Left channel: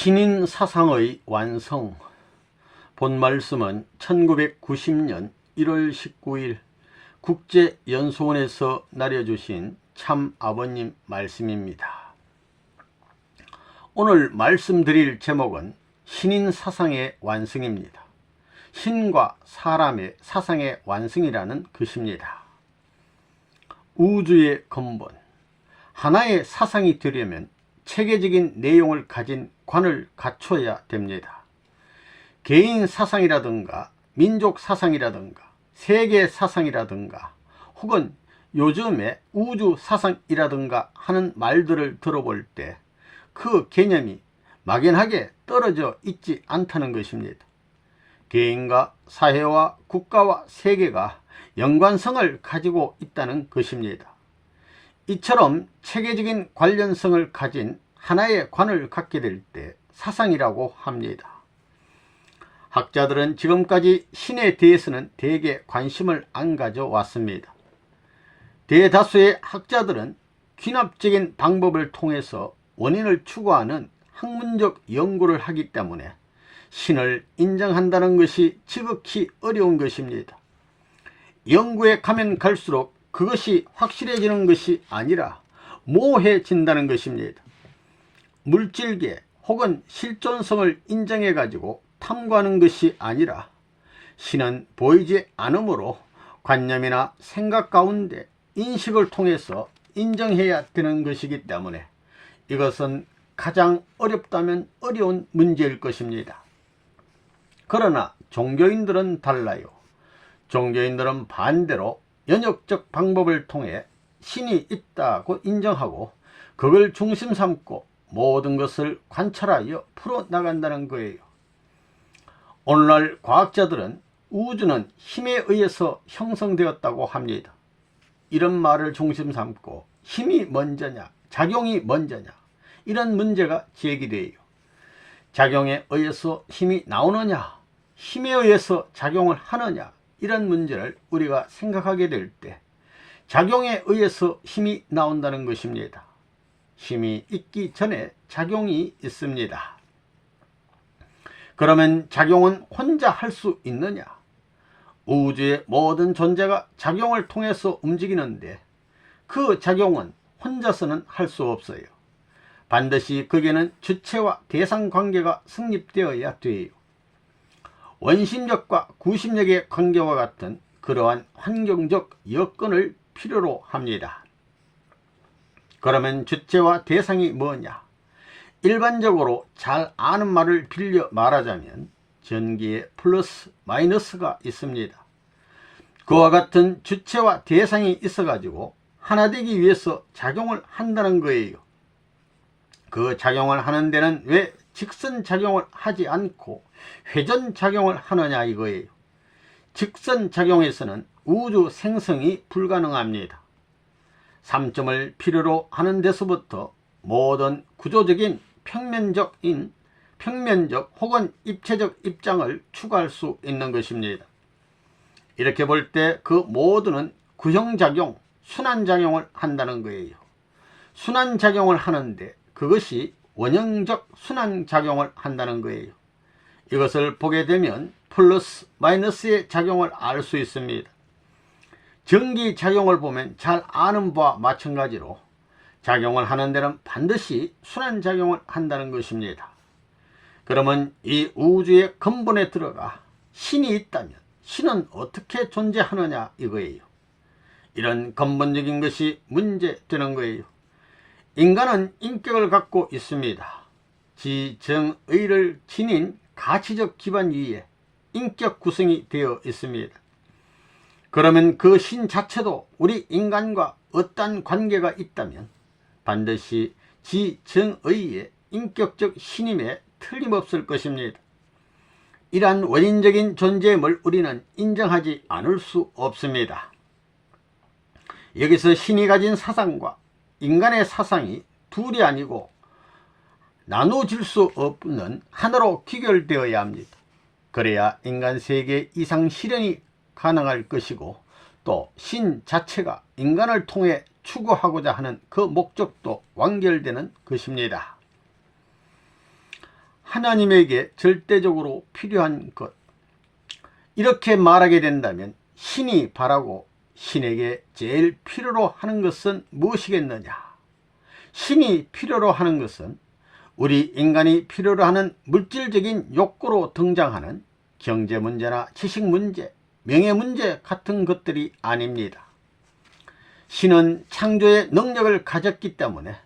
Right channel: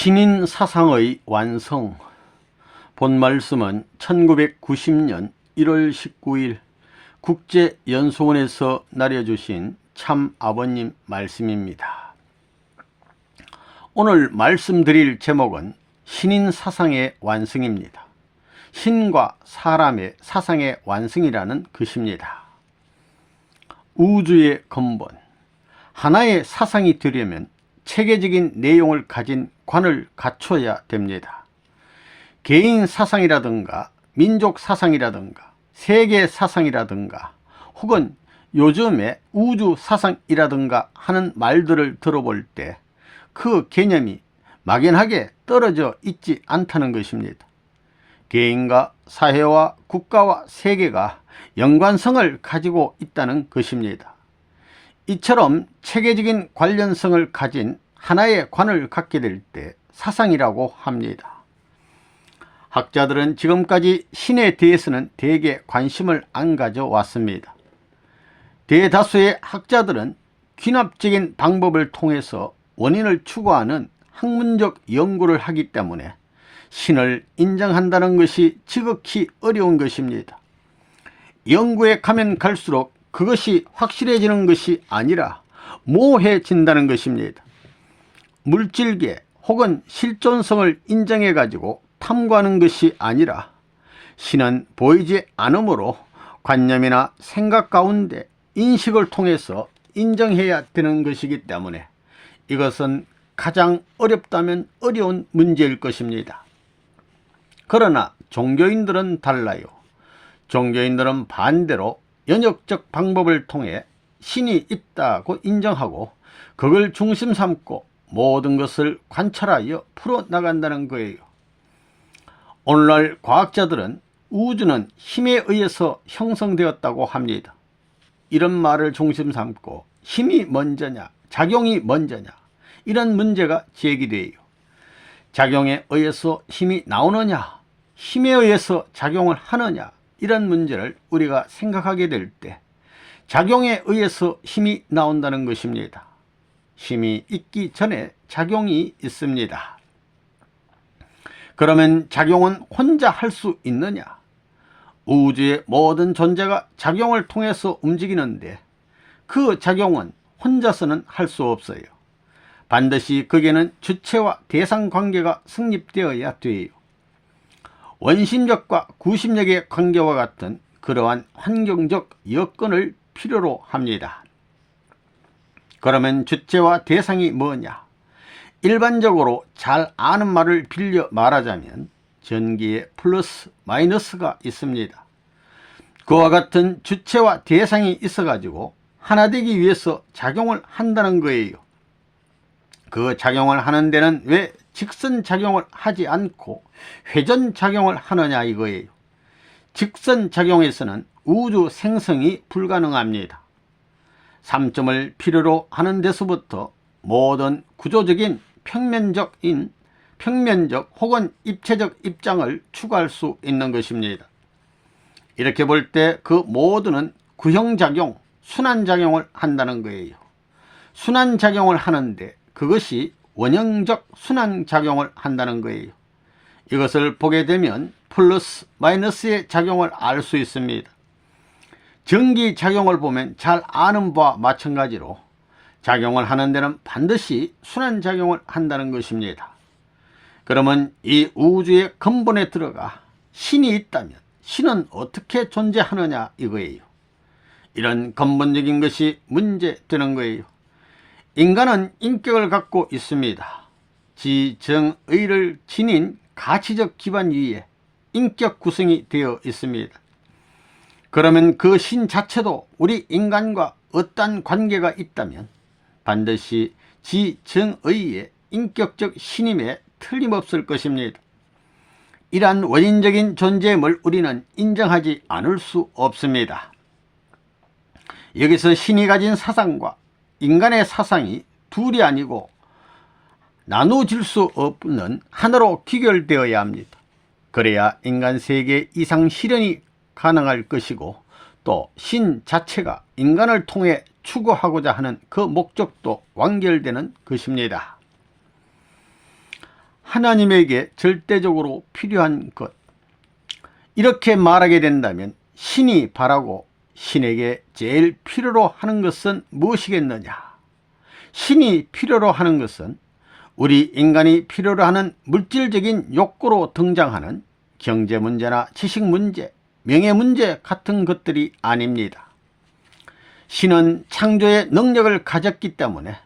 신인 사상의 완성. 본 말씀은 1990년 1월 19일 국제연수원에서 나려주신 참 아버님 말씀입니다. 오늘 말씀드릴 제목은 신인 사상의 완성입니다. 신과 사람의 사상의 완성이라는 것입니다. 우주의 근본, 하나의 사상이 되려면 체계적인 내용을 가진 관을 갖춰야 됩니다. 개인 사상이라든가 민족 사상이라든가 세계 사상이라든가 혹은 요즘의 우주 사상이라든가 하는 말들을 들어볼 때 그 개념이 막연하게 떨어져 있지 않다는 것입니다. 개인과 사회와 국가와 세계가 연관성을 가지고 있다는 것입니다. 이처럼 체계적인 관련성을 가진 하나의 관을 갖게 될 때 사상이라고 합니다. 학자들은 지금까지 신에 대해서는 대개 관심을 안 가져왔습니다. 대다수의 학자들은 귀납적인 방법을 통해서 원인을 추구하는 학문적 연구를 하기 때문에 신을 인정한다는 것이 지극히 어려운 것입니다. 연구에 가면 갈수록 그것이 확실해지는 것이 아니라 모호해진다는 것입니다. 물질계 혹은 실존성을 인정해 가지고 탐구하는 것이 아니라 신은 보이지 않으므로 관념이나 생각 가운데 인식을 통해서 인정해야 되는 것이기 때문에 이것은 가장 어렵다면 어려운 문제일 것입니다. 그러나 종교인들은 달라요. 종교인들은 반대로 연역적 방법을 통해 신이 있다고 인정하고 그걸 중심 삼고 모든 것을 관찰하여 풀어나간다는 거예요. 오늘날 과학자들은 우주는 힘에 의해서 형성되었다고 합니다. 이런 말을 중심 삼고 힘이 먼저냐 작용이 먼저냐 이런 문제가 제기돼요. 작용에 의해서 힘이 나오느냐 힘에 의해서 작용을 하느냐 이런 문제를 우리가 생각하게 될 때 작용에 의해서 힘이 나온다는 것입니다. 힘이 있기 전에 작용이 있습니다. 그러면 작용은 혼자 할 수 있느냐? 우주의 모든 존재가 작용을 통해서 움직이는데 그 작용은 혼자서는 할 수 없어요. 반드시 거기에는 주체와 대상 관계가 성립되어야 돼요. 원심력과 구심력의 관계와 같은 그러한 환경적 여건을 필요로 합니다. 그러면 주체와 대상이 뭐냐? 일반적으로 잘 아는 말을 빌려 말하자면 전기에 플러스 마이너스가 있습니다. 그와 같은 주체와 대상이 있어 가지고 하나 되기 위해서 작용을 한다는 거예요. 그 작용을 하는 데는 왜 직선작용을 하지 않고 회전작용을 하느냐 이거예요. 직선작용에서는 우주 생성이 불가능합니다. 3점을 필요로 하는 데서부터 모든 구조적인 평면적 혹은 입체적 입장을 추구할 수 있는 것입니다. 이렇게 볼 때 그 모두는 구형작용, 순환작용을 한다는 거예요. 순환작용을 하는데 그것이 원형적 순환작용을 한다는 거예요. 이것을 보게 되면 플러스 마이너스의 작용을 알 수 있습니다. 전기작용을 보면 잘 아는 바와 마찬가지로 작용을 하는 데는 반드시 순환작용을 한다는 것입니다. 그러면 이 우주의 근본에 들어가 신이 있다면 신은 어떻게 존재하느냐 이거예요. 이런 근본적인 것이 문제되는 거예요. 인간은 인격을 갖고 있습니다. 지정의를 지닌 가치적 기반 위에 인격 구성이 되어 있습니다. 그러면 그 신 자체도 우리 인간과 어떤 관계가 있다면 반드시 지정의의 인격적 신임에 틀림없을 것입니다. 이러한 원인적인 존재임을 우리는 인정하지 않을 수 없습니다. 여기서 신이 가진 사상과 인간의 사상이 둘이 아니고 나누어질 수 없는 하나로 귀결되어야 합니다. 그래야 인간 세계 이상 실현이 가능할 것이고 또 신 자체가 인간을 통해 추구하고자 하는 그 목적도 완결되는 것입니다. 하나님에게 절대적으로 필요한 것, 이렇게 말하게 된다면 신이 바라고 신에게 제일 필요로 하는 것은 무엇이겠느냐? 신이 필요로 하는 것은 우리 인간이 필요로 하는 물질적인 욕구로 등장하는 경제 문제나 지식 문제, 명예 문제 같은 것들이 아닙니다. 신은 창조의 능력을 가졌기 때문에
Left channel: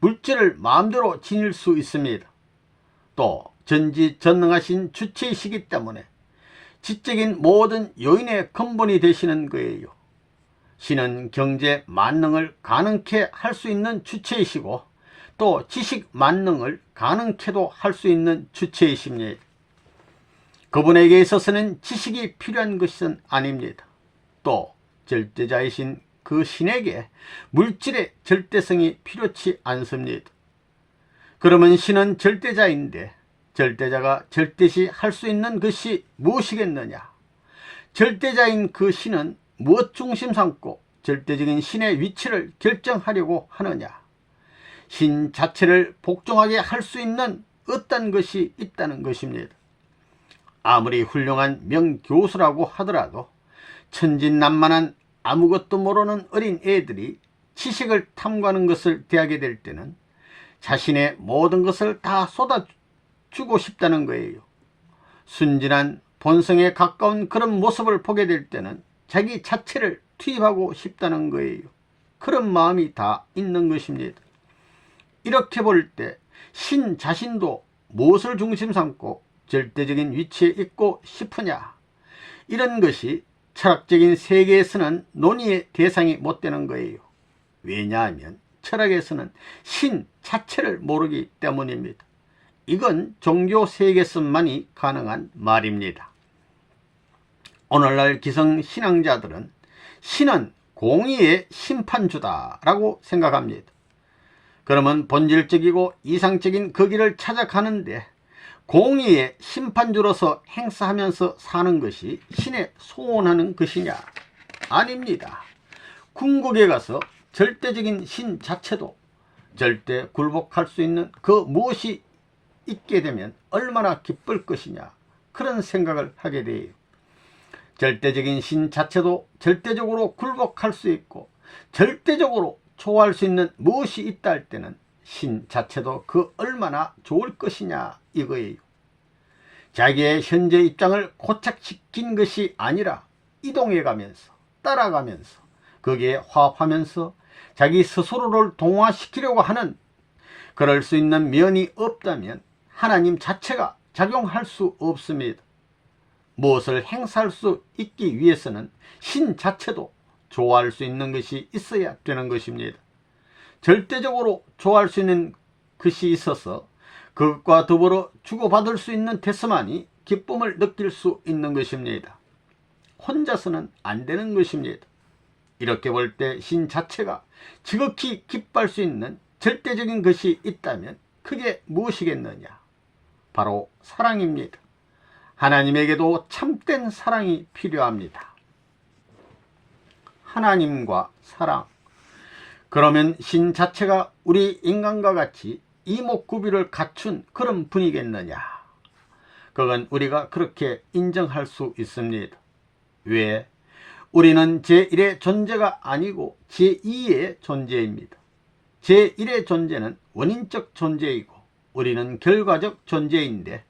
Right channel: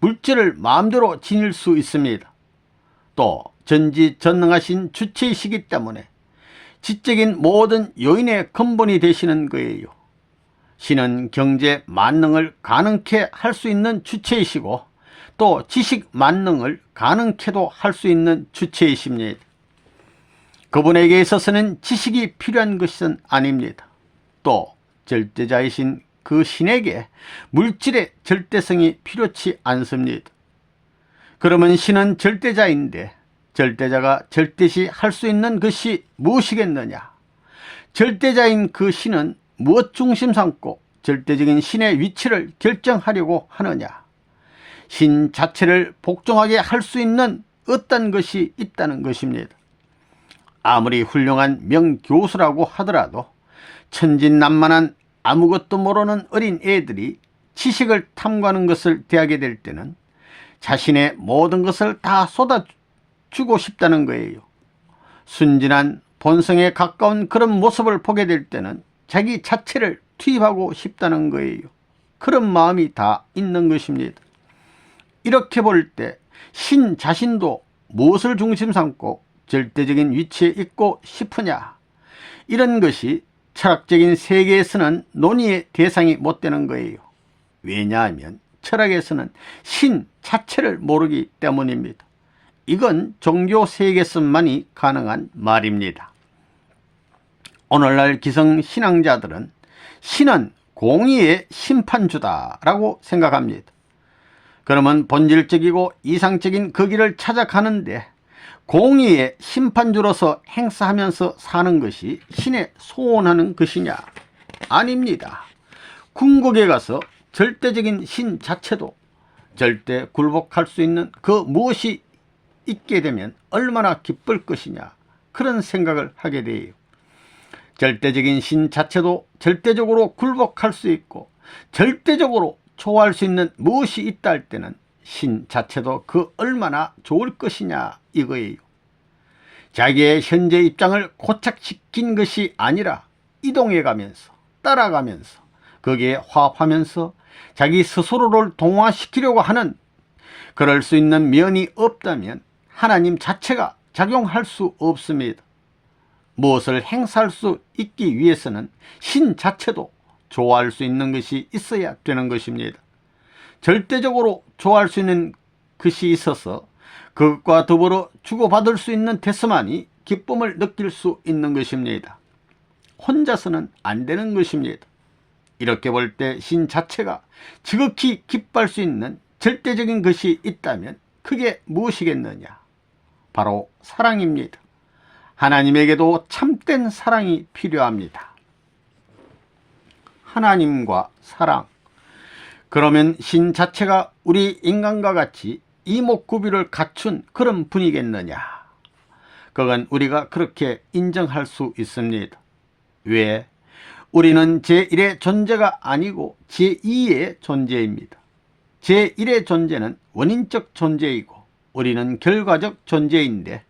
물질을 마음대로 지닐 수 있습니다. 또 전지전능하신 주체이시기 때문에 지적인 모든 요인의 근본이 되시는 거예요. 신은 경제 만능을 가능케 할 수 있는 주체이시고 또 지식 만능을 가능케도 할 수 있는 주체이십니다. 그분에게 있어서는 지식이 필요한 것은 아닙니다. 또 절대자이신 그 신에게 물질의 절대성이 필요치 않습니다. 그러면 신은 절대자인데 절대자가 절대시 할 수 있는 것이 무엇이겠느냐? 절대자인 그 신은 무엇 중심 삼고 절대적인 신의 위치를 결정하려고 하느냐? 신 자체를 복종하게 할 수 있는 어떤 것이 있다는 것입니다. 아무리 훌륭한 명교수라고 하더라도 천진난만한 아무것도 모르는 어린 애들이 지식을 탐구하는 것을 대하게 될 때는 자신의 모든 것을 다 쏟아주고 싶다는 거예요. 순진한 본성에 가까운 그런 모습을 보게 될 때는 자기 자체를 투입하고 싶다는 거예요. 그런 마음이 다 있는 것입니다. 이렇게 볼 때 신 자신도 무엇을 중심 삼고 절대적인 위치에 있고 싶으냐, 이런 것이 철학적인 세계에서는 논의의 대상이 못 되는 거예요. 왜냐하면 철학에서는 신 자체를 모르기 때문입니다. 이건 종교 세계에서만이 가능한 말입니다. 오늘날 기성신앙자들은 신은 공의의 심판주다라고 생각합니다. 그러면 본질적이고 이상적인 그 길을 찾아가는데 공의의 심판주로서 행사하면서 사는 것이 신의 소원하는 것이냐? 아닙니다. 궁극에 가서 절대적인 신 자체도 절대 굴복할 수 있는 그 무엇이 있게 되면 얼마나 기쁠 것이냐, 그런 생각을 하게 돼요. 절대적인 신 자체도 절대적으로 굴복할 수 있고 절대적으로 좋아할 수 있는 무엇이 있다 할 때는 신 자체도 그 얼마나 좋을 것이냐 이거예요. 자기의 현재 입장을 고착시킨 것이 아니라 이동해 가면서 따라가면서 거기에 화합하면서 자기 스스로를 동화시키려고 하는, 그럴 수 있는 면이 없다면 하나님 자체가 작용할 수 없습니다. 무엇을 행사할 수 있기 위해서는 신 자체도 좋아할 수 있는 것이 있어야 되는 것입니다. 절대적으로 좋아할 수 있는 것이 있어서 그것과 더불어 주고받을 수 있는 데서만이 기쁨을 느낄 수 있는 것입니다. 혼자서는 안 되는 것입니다. 이렇게 볼 때 신 자체가 지극히 기뻐할 수 있는 절대적인 것이 있다면 그게 무엇이겠느냐? 바로 사랑입니다. 하나님에게도 참된 사랑이 필요합니다. 하나님과 사랑. 그러면 신 자체가 우리 인간과 같이 이목구비를 갖춘 그런 분이겠느냐? 그건 우리가 그렇게 인정할 수 있습니다. 왜? 우리는 제1의 존재가 아니고 제2의 존재입니다. 제1의 존재는 원인적 존재이고 우리는 결과적 존재인데,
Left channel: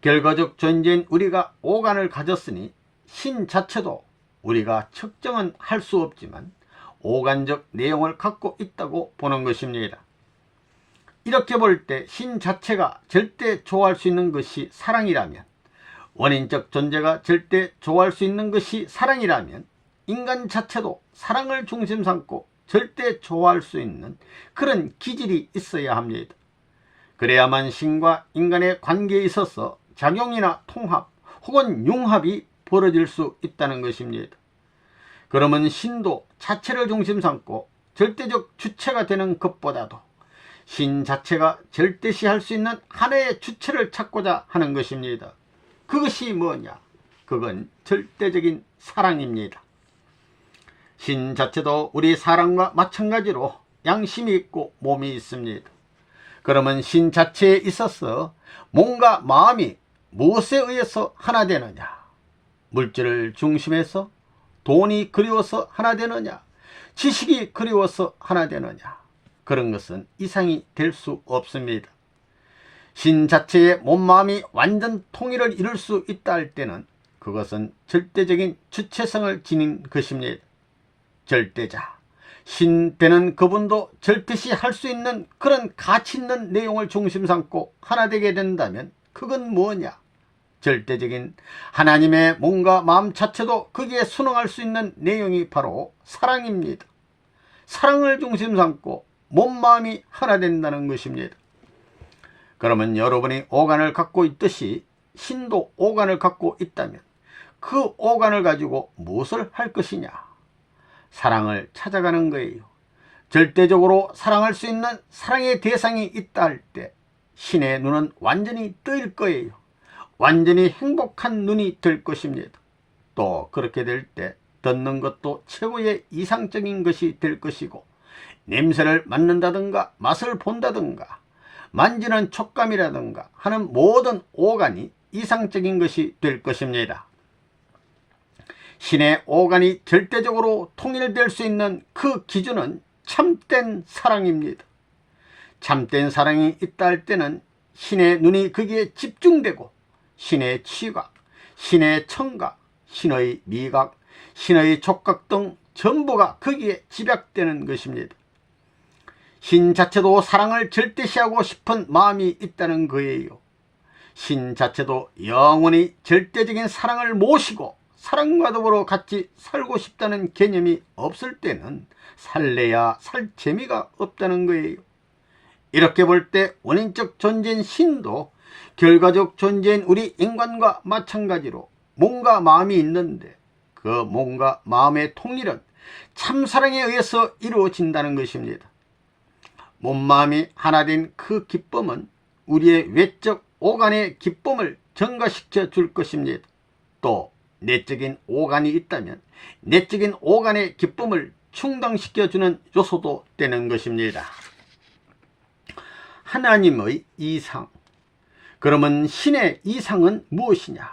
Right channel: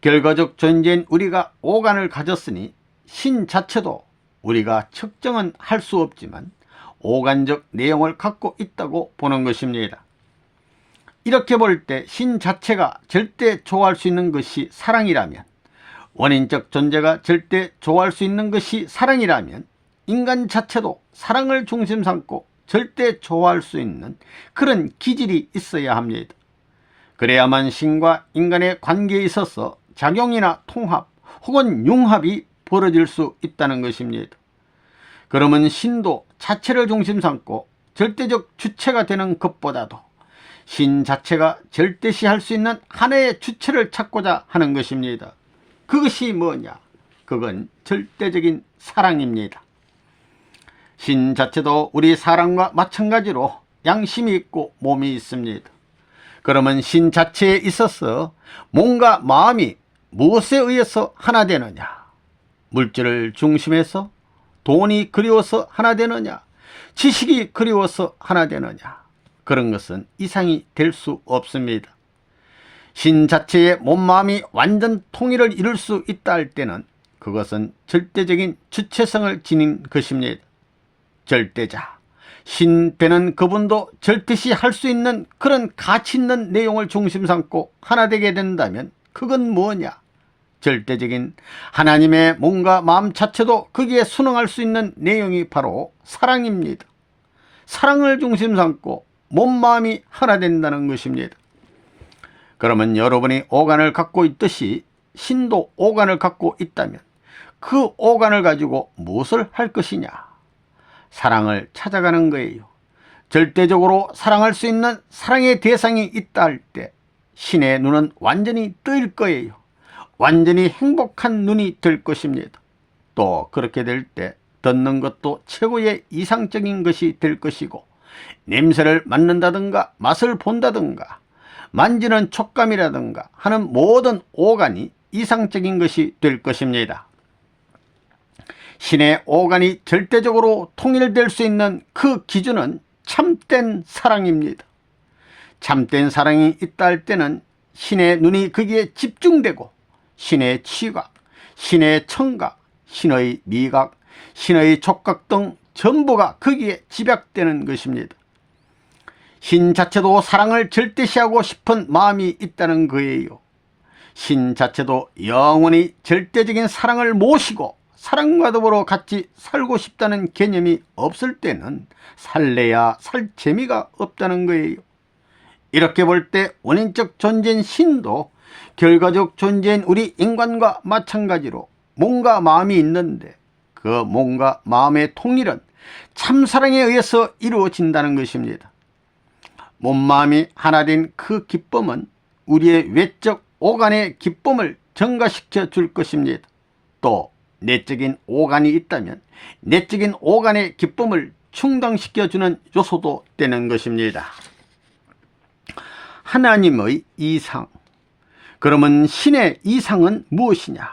결과적 존재인 우리가 오간을 가졌으니 신 자체도 우리가 측정은 할 수 없지만 오간적 내용을 갖고 있다고 보는 것입니다. 이렇게 볼 때 신 자체가 절대 좋아할 수 있는 것이 사랑이라면, 원인적 존재가 절대 좋아할 수 있는 것이 사랑이라면 인간 자체도 사랑을 중심 삼고 절대 좋아할 수 있는 그런 기질이 있어야 합니다. 그래야만 신과 인간의 관계에 있어서 작용이나 통합 혹은 융합이 벌어질 수 있다는 것입니다. 그러면 신도 자체를 중심 삼고 절대적 주체가 되는 것보다도 신 자체가 절대시할 수 있는 하나의 주체를 찾고자 하는 것입니다. 그것이 뭐냐? 그건 절대적인 사랑입니다. 신 자체도 우리 사람과 마찬가지로 양심이 있고 몸이 있습니다. 그러면 신 자체에 있어서 몸과 마음이 무엇에 의해서 하나 되느냐? 물질을 중심해서? 돈이 그리워서 하나 되느냐? 지식이 그리워서 하나 되느냐? 그런 것은 이상이 될 수 없습니다. 신 자체의 몸, 마음이 완전 통일을 이룰 수 있다 할 때는 그것은 절대적인 주체성을 지닌 것입니다. 절대자, 신 되는 그분도 절대시 할 수 있는 그런 가치 있는 내용을 중심 삼고 하나 되게 된다면 그건 뭐냐? 절대적인 하나님의 몸과 마음 자체도 거기에 순응할 수 있는 내용이 바로 사랑입니다. 사랑을 중심 삼고 몸, 마음이 하나 된다는 것입니다. 그러면 여러분이 오간을 갖고 있듯이 신도 오간을 갖고 있다면 그 오간을 가지고 무엇을 할 것이냐? 사랑을 찾아가는 거예요. 절대적으로 사랑할 수 있는 사랑의 대상이 있다 할 때 신의 눈은 완전히 뜨일 거예요. 완전히 행복한 눈이 될 것입니다. 또 그렇게 될 때 듣는 것도 최고의 이상적인 것이 될 것이고, 냄새를 맡는다든가 맛을 본다든가 만지는 촉감이라든가 하는 모든 오간이 이상적인 것이 될 것입니다. 신의 오간이 절대적으로 통일될 수 있는 그 기준은 참된 사랑입니다. 참된 사랑이 있다 할 때는 신의 눈이 거기에 집중되고 신의 치각, 신의 청각, 신의 미각, 신의 촉각 등 전부가 거기에 집약되는 것입니다. 신 자체도 사랑을 절대시하고 싶은 마음이 있다는 거예요. 신 자체도 영원히 절대적인 사랑을 모시고 사랑과 더불어 같이 살고 싶다는 개념이 없을 때는 살래야 살 재미가 없다는 거예요. 이렇게 볼 때 원인적 존재인 신도 결과적 존재인 우리 인간과 마찬가지로 몸과 마음이 있는데 그 몸과 마음의 통일은 참사랑에 의해서 이루어진다는 것입니다. 몸, 마음이 하나 된 그 기쁨은 우리의 외적 오간의 기쁨을 증가시켜 줄 것입니다. 또 내적인 오간이 있다면 내적인 오간의 기쁨을 충당시켜 주는 요소도 되는 것입니다. 하나님의 이상. 그러면 신의 이상은 무엇이냐?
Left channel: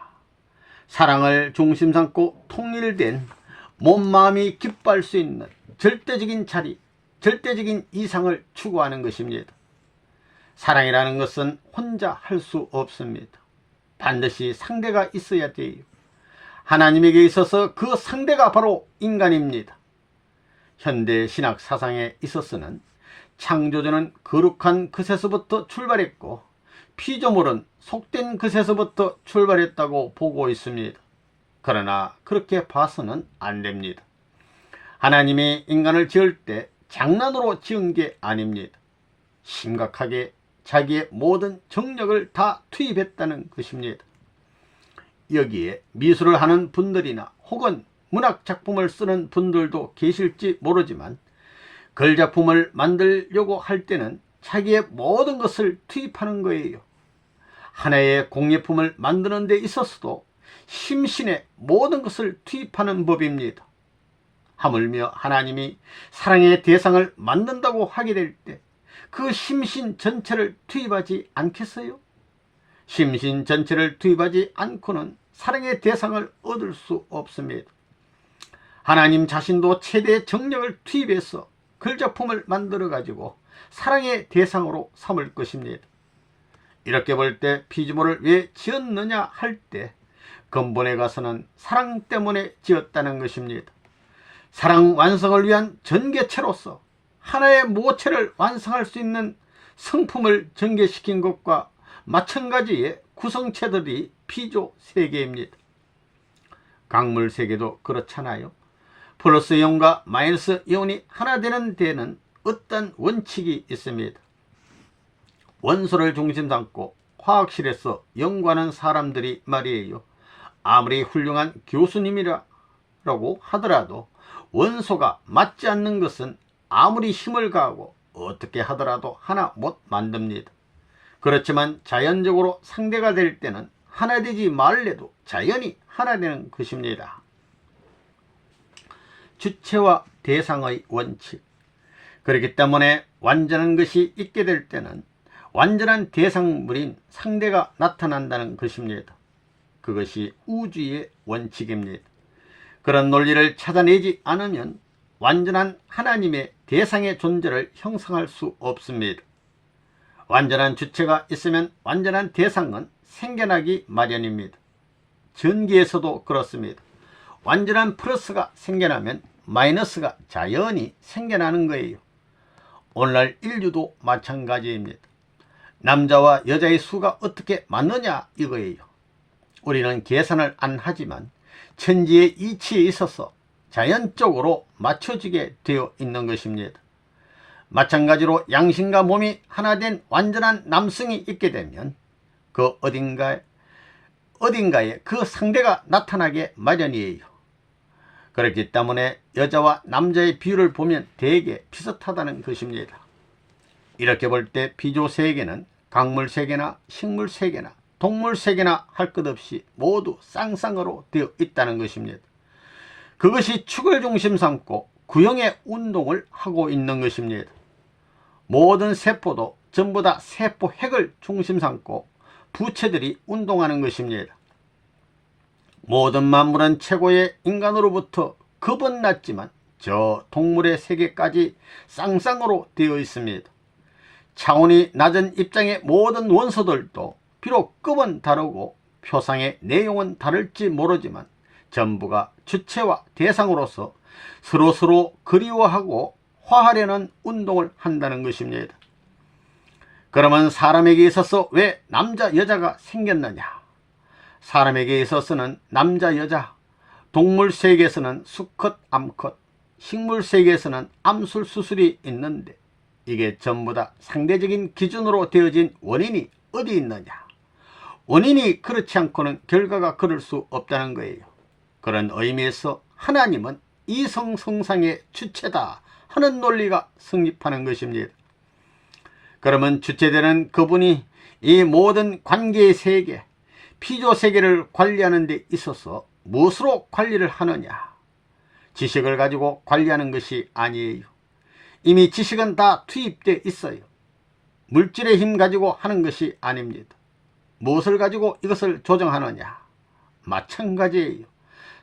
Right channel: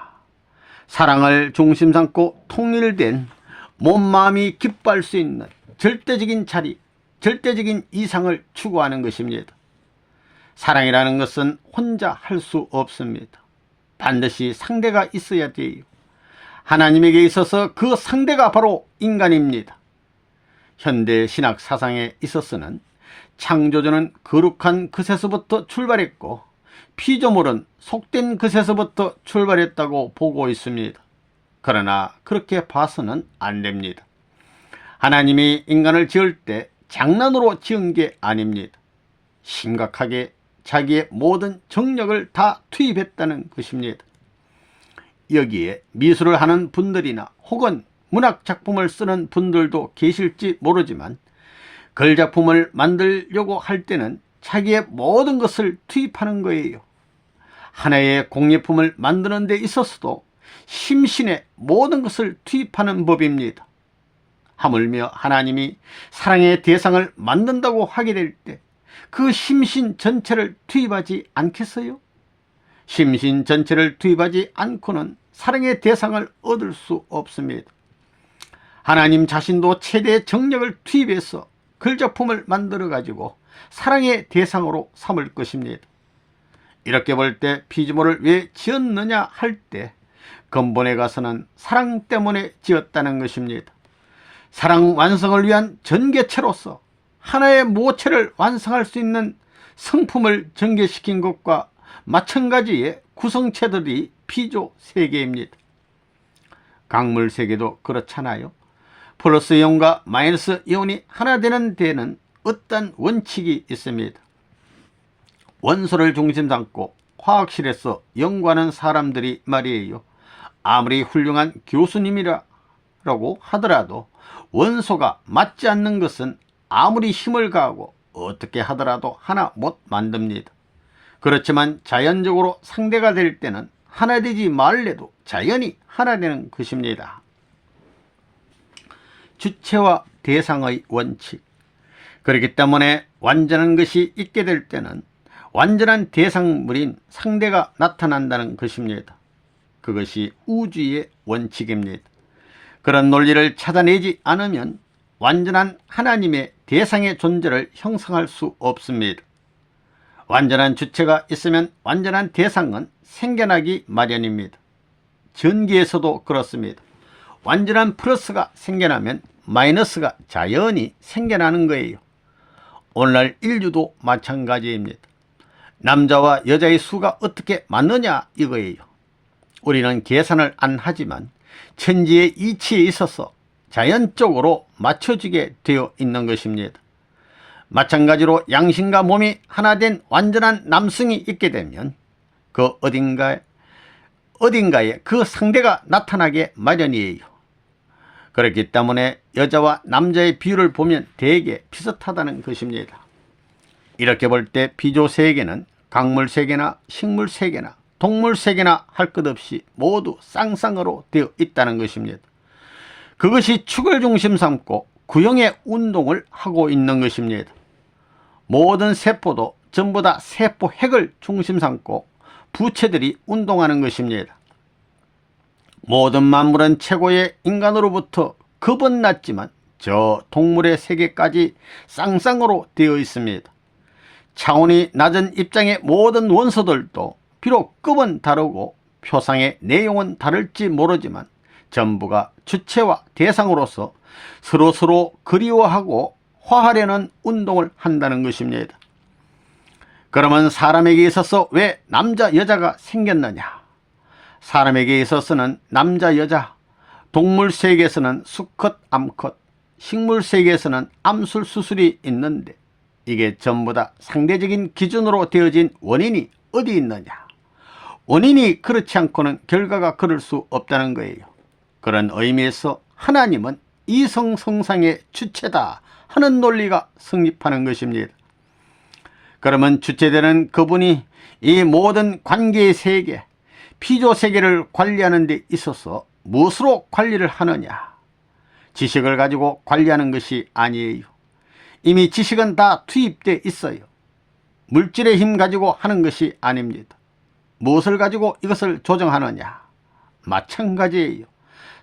사랑을 중심 삼고 통일된 몸, 마음이 기뻐할 수 있는 절대적인 자리, 절대적인 이상을 추구하는 것입니다. 사랑이라는 것은 혼자 할 수 없습니다. 반드시 상대가 있어야 돼요. 하나님에게 있어서 그 상대가 바로 인간입니다. 현대 신학 사상에 있어서는 창조주는 거룩한 그새서부터 출발했고 피조물은 속된 그새서부터 출발했다고 보고 있습니다. 그러나 그렇게 봐서는 안 됩니다. 하나님이 인간을 지을 때 장난으로 지은 게 아닙니다. 심각하게 자기의 모든 정력을 다 투입했다는 것입니다. 여기에 미술을 하는 분들이나 혹은 문학작품을 쓰는 분들도 계실지 모르지만 글작품을 만들려고 할 때는 자기의 모든 것을 투입하는 거예요. 하나의 공예품을 만드는 데 있어서도 심신의 모든 것을 투입하는 법입니다. 하물며 하나님이 사랑의 대상을 만든다고 하게 될 때 그 심신 전체를 투입하지 않겠어요? 심신 전체를 투입하지 않고는 사랑의 대상을 얻을 수 없습니다. 하나님 자신도 최대의 정력을 투입해서 글작품을 만들어 가지고 사랑의 대상으로 삼을 것입니다. 이렇게 볼 때 피조물을 왜 지었느냐 할 때 근본에 가서는 사랑 때문에 지었다는 것입니다. 사랑 완성을 위한 전개체로서 하나의 모체를 완성할 수 있는 성품을 전개시킨 것과 마찬가지의 구성체들이 피조 세계입니다. 강물 세계도 그렇잖아요. 플러스 이온과 마이너스 이온이 하나 되는 데는 어떤 원칙이 있습니다. 원소를 중심 삼고 화학실에서 연구하는 사람들이 말이에요. 아무리 훌륭한 교수님이라고 하더라도 원소가 맞지 않는 것은 아무리 힘을 가하고 어떻게 하더라도 하나 못 만듭니다. 그렇지만 자연적으로 상대가 될 때는 하나 되지 말래도 자연이 하나 되는 것입니다. 주체와 대상의 원칙. 그렇기 때문에 완전한 것이 있게 될 때는 완전한 대상물인 상대가 나타난다는 것입니다. 그것이 우주의 원칙입니다. 그런 논리를 찾아내지 않으면 완전한 하나님의 대상의 존재를 형성할 수 없습니다. 완전한 주체가 있으면 완전한 대상은 생겨나기 마련입니다. 전기에서도 그렇습니다. 완전한 플러스가 생겨나면 마이너스가 자연히 생겨나는 거예요. 오늘날 인류도 마찬가지입니다. 남자와 여자의 수가 어떻게 맞느냐 이거예요. 우리는 계산을 안 하지만 천지의 이치에 있어서 자연적으로 맞춰지게 되어 있는 것입니다. 마찬가지로 양심과 몸이 하나 된 완전한 남성이 있게 되면 그 어딘가에 그 상대가 나타나게 마련이에요. 그렇기 때문에 여자와 남자의 비율을 보면 대개 비슷하다는 것입니다. 이렇게 볼 때 비조세계는 강물세계나 식물세계나 동물세계나 할 것 없이 모두 쌍쌍으로 되어 있다는 것입니다. 그것이 축을 중심 삼고 구형의 운동을 하고 있는 것입니다. 모든 세포도 전부 다 세포 핵을 중심 삼고 부체들이 운동하는 것입니다. 모든 만물은 최고의 인간으로부터 급은 낮지만 저 동물의 세계까지 쌍쌍으로 되어 있습니다. 차원이 낮은 입장의 모든 원소들도 비록 급은 다르고 표상의 내용은 다를지 모르지만 전부가 주체와 대상으로서 서로 그리워하고 화하려는 운동을 한다는 것입니다. 그러면 사람에게 있어서 왜 남자 여자가 생겼느냐? 사람에게 있어서는 남자 여자, 동물 세계에서는 수컷 암컷, 식물 세계에서는 암술 수술이 있는데 이게 전부 다 상대적인 기준으로 되어진 원인이 어디 있느냐? 원인이 그렇지 않고는 결과가 그럴 수 없다는 거예요. 그런 의미에서 하나님은 이성성상의 주체다 하는 논리가 성립하는 것입니다. 그러면 주체되는 그분이 이 모든 관계의 세계, 피조세계를 관리하는 데 있어서 무엇으로 관리를 하느냐? 지식을 가지고 관리하는 것이 아니에요. 이미 지식은 다 투입되어 있어요. 물질의 힘 가지고 하는 것이 아닙니다. 무엇을 가지고 이것을 조정하느냐? 마찬가지예요.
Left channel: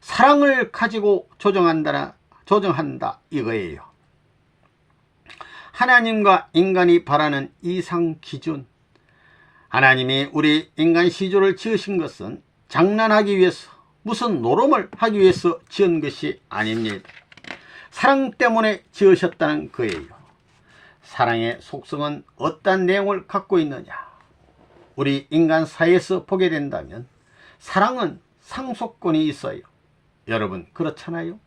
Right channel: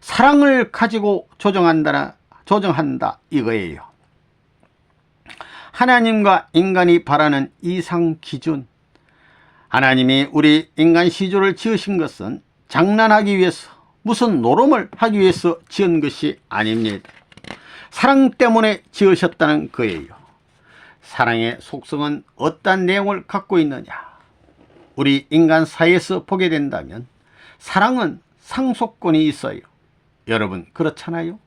사랑을 가지고 조정한다 이거예요. 하나님과 인간이 바라는 이상 기준, 하나님이 우리 인간 시조를 지으신 것은 장난하기 위해서 무슨 노름을 하기 위해서 지은 것이 아닙니다. 사랑 때문에 지으셨다는 거예요. 사랑의 속성은 어떤 내용을 갖고 있느냐? 우리 인간 사이에서 보게 된다면 사랑은 상속권이 있어요. 여러분 그렇잖아요.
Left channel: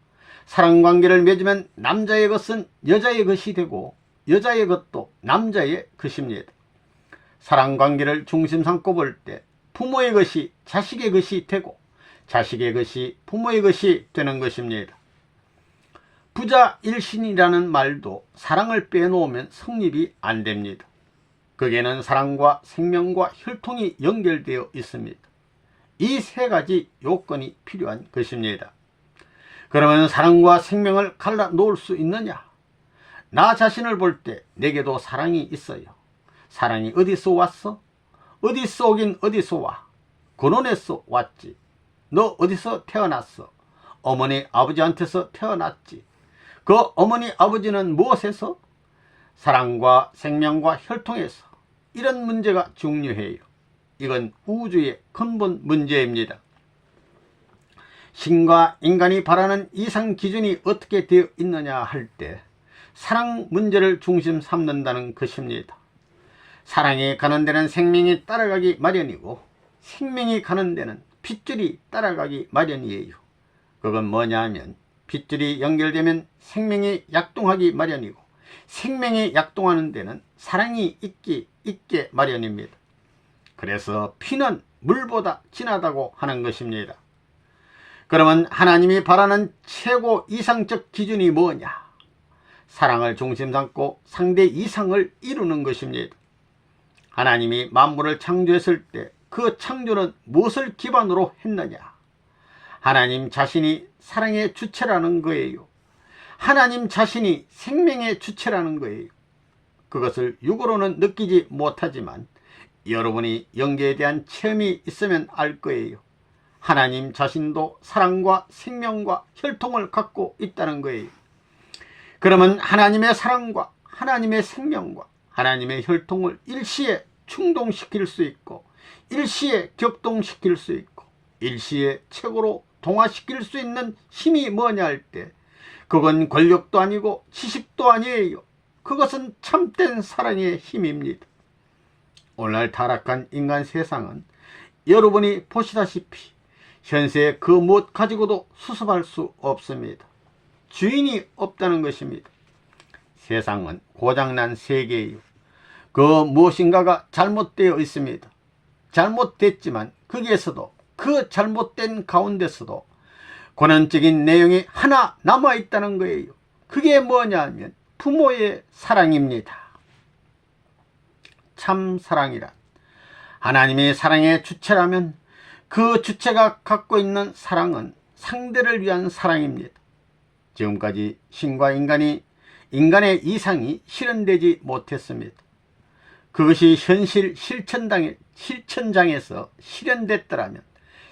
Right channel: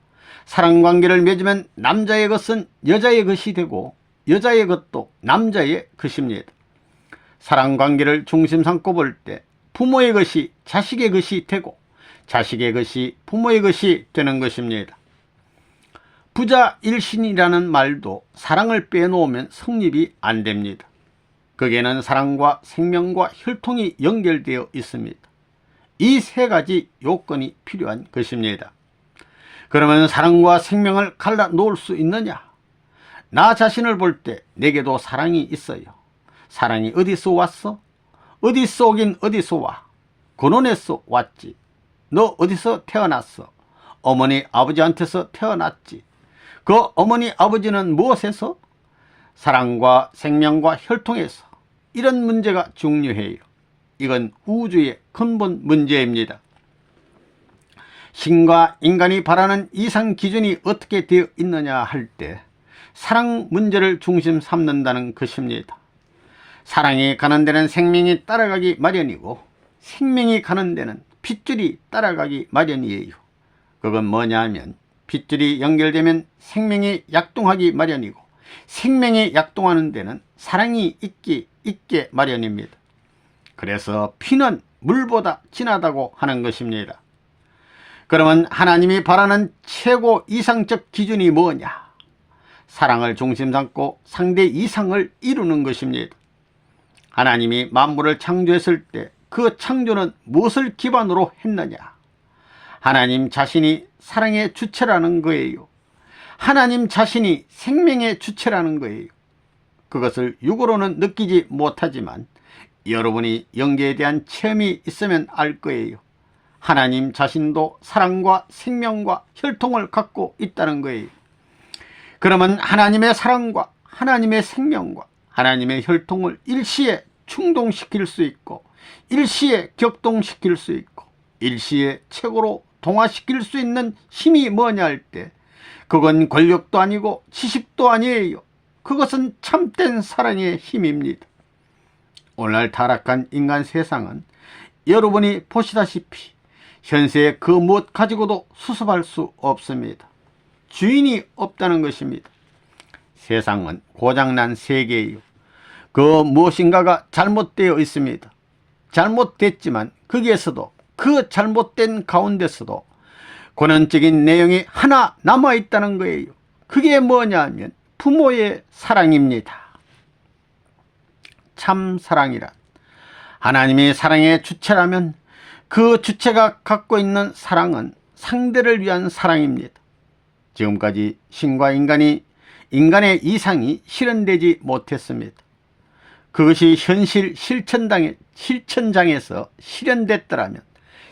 사랑관계를 맺으면 남자의 것은 여자의 것이 되고 여자의 것도 남자의 것입니다. 사랑관계를 중심 삼고 볼 때 부모의 것이 자식의 것이 되고 자식의 것이 부모의 것이 되는 것입니다. 부자 일신이라는 말도 사랑을 빼놓으면 성립이 안 됩니다. 거기에는 사랑과 생명과 혈통이 연결되어 있습니다. 이 세 가지 요건이 필요한 것입니다. 그러면 사랑과 생명을 갈라 놓을 수 있느냐? 나 자신을 볼 때 내게도 사랑이 있어요. 사랑이 어디서 왔어? 어디서 오긴 어디서 와? 근원에서 왔지. 너 어디서 태어났어? 어머니 아버지한테서 태어났지. 그 어머니 아버지는 무엇에서? 사랑과 생명과 혈통에서. 이런 문제가 중요해요. 이건 우주의 근본 문제입니다. 신과 인간이 바라는 이상 기준이 어떻게 되어 있느냐 할 때 사랑 문제를 중심 삼는다는 것입니다. 사랑이 가는 데는 생명이 따라가기 마련이고 생명이 가는 데는 핏줄이 따라가기 마련이에요. 그건 뭐냐 하면 핏줄이 연결되면 생명이 약동하기 마련이고 생명이 약동하는 데는 사랑이 있게 마련입니다. 그래서 피는 물보다 진하다고 하는 것입니다. 그러면 하나님이 바라는 최고 이상적 기준이 뭐냐? 사랑을 중심 삼고 상대 이상을 이루는 것입니다. 하나님이 만물을 창조했을 때 그 창조는 무엇을 기반으로 했느냐? 하나님 자신이 사랑의 주체라는 거예요. 하나님 자신이 생명의 주체라는 거예요. 그것을 육으로는 느끼지 못하지만 여러분이 영계에 대한 체험이 있으면 알 거예요. 하나님 자신도 사랑과 생명과 혈통을 갖고 있다는 거예요. 그러면 하나님의 사랑과 하나님의 생명과 하나님의 혈통을 일시에 충동시킬 수 있고 일시에 격동시킬 수 있고 일시에 최고로 동화시킬 수 있는 힘이 뭐냐 할 때 그건 권력도 아니고 지식도 아니에요. 그것은 참된 사랑의 힘입니다. 오늘날 타락한 인간 세상은 여러분이 보시다시피 현세 그 무엇 가지고도 수습할 수 없습니다. 주인이 없다는 것입니다. 세상은 고장난 세계예요. 그 무엇인가가 잘못되어 있습니다. 잘못됐지만 거기에서도 그 잘못된 가운데서도 권원적인 내용이 하나 남아있다는 거예요. 그게 뭐냐 하면 부모의 사랑입니다. 참 사랑이란 하나님의 사랑의 주체라면 그 주체가 갖고 있는 사랑은 상대를 위한 사랑입니다. 지금까지 신과 인간의 이상이 실현되지 못했습니다. 그것이 현실 실천장에서 실현됐더라면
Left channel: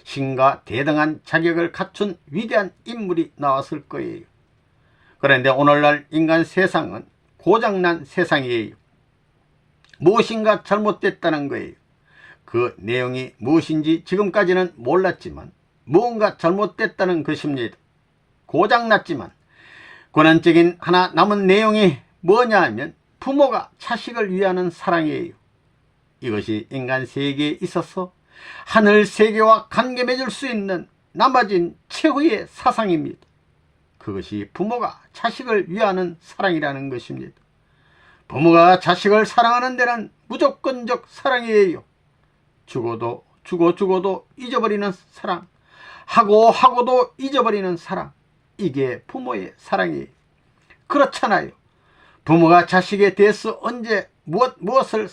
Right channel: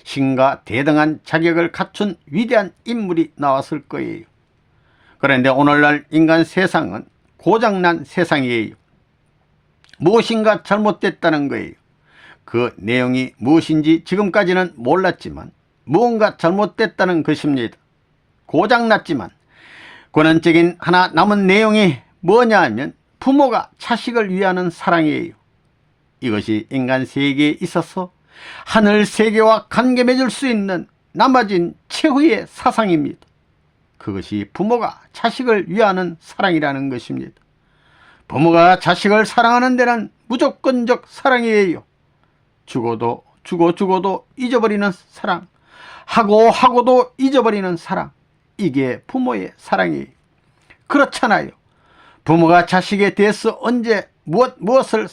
신과 대등한 자격을 갖춘 위대한 인물이 나왔을 거예요. 그런데 오늘날 인간 세상은 고장난 세상이에요. 무엇인가 잘못됐다는 거예요. 그 내용이 무엇인지 지금까지는 몰랐지만 무언가 잘못됐다는 것입니다. 고장났지만 권한적인 하나 남은 내용이 뭐냐 하면 부모가 자식을 위하는 사랑이에요. 이것이 인간 세계에 있어서 하늘 세계와 관계 맺을 수 있는 남아진 최후의 사상입니다. 그것이 부모가 자식을 위하는 사랑이라는 것입니다. 부모가 자식을 사랑하는 데는 무조건적 사랑이에요. 죽어도 잊어버리는 사랑, 하고도 잊어버리는 사랑, 이게 부모의 사랑이에요. 그렇잖아요. 부모가 자식에 대해서 언제 무엇을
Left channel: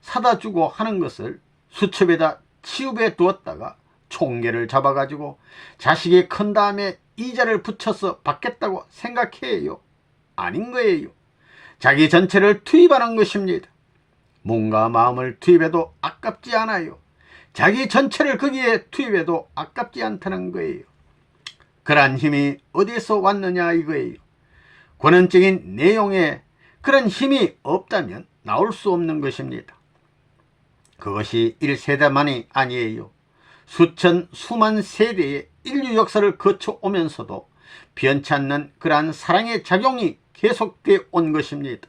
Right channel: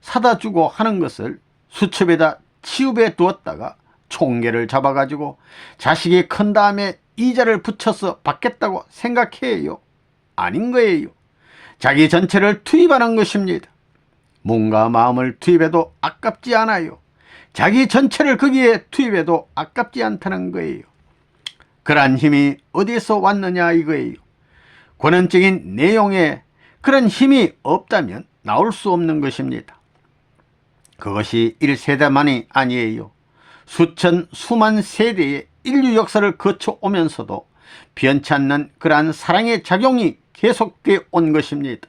사다 주고 하는 것을 수첩에다 치읍에 두었다가 총계를 잡아가지고 자식이 큰 다음에 이자를 붙여서 받겠다고 생각해요? 아닌 거예요. 자기 전체를 투입하는 것입니다. 몸과 마음을 투입해도 아깝지 않아요. 자기 전체를 거기에 투입해도 아깝지 않다는 거예요. 그러한 힘이 어디서 왔느냐 이거예요. 권한적인 내용에 그런 힘이 없다면 나올 수 없는 것입니다. 그것이 1세대만이 아니에요. 수만 세대의 인류 역사를 거쳐오면서도 변치 않는 그러한 사랑의 작용이 계속되어 온 것입니다.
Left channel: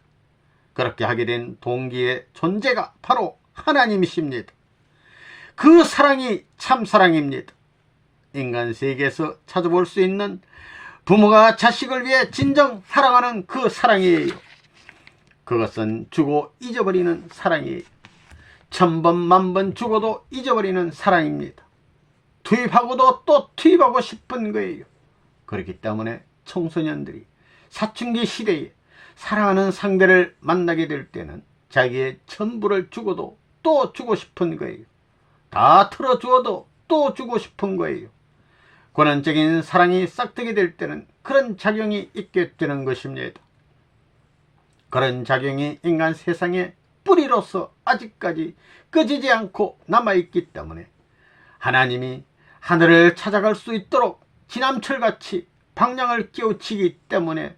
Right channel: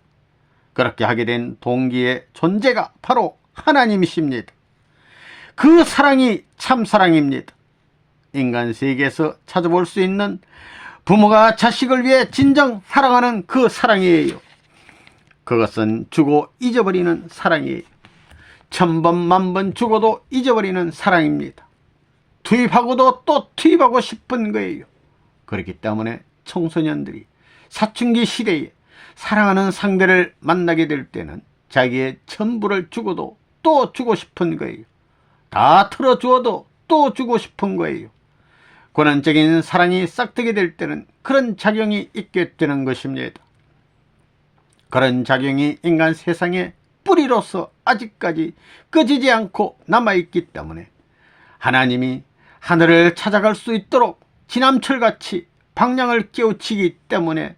그렇게 하게 된 동기의 존재가 바로 하나님이십니다. 그 사랑이 참 사랑입니다. 인간 세계에서 찾아볼 수 있는 부모가 자식을 위해 진정 사랑하는 그 사랑이에요. 그것은 주고 잊어버리는 사랑이에요. 1000번 만번 죽어도 잊어버리는 사랑입니다. 투입하고도 또 투입하고 싶은 거예요. 그렇기 때문에 청소년들이 사춘기 시대에 사랑하는 상대를 만나게 될 때는 자기의 전부를 주고도 또 주고 싶은 거예요. 다 틀어주어도 또 주고 싶은 거예요. 권한적인 사랑이 싹트게 될 때는 그런 작용이 있게 되는 것입니다. 그런 작용이 인간 세상의 뿌리로서 아직까지 꺼지지 않고 남아있기 때문에 하나님이 하늘을 찾아갈 수 있도록 지남철같이 방향을 깨우치기 때문에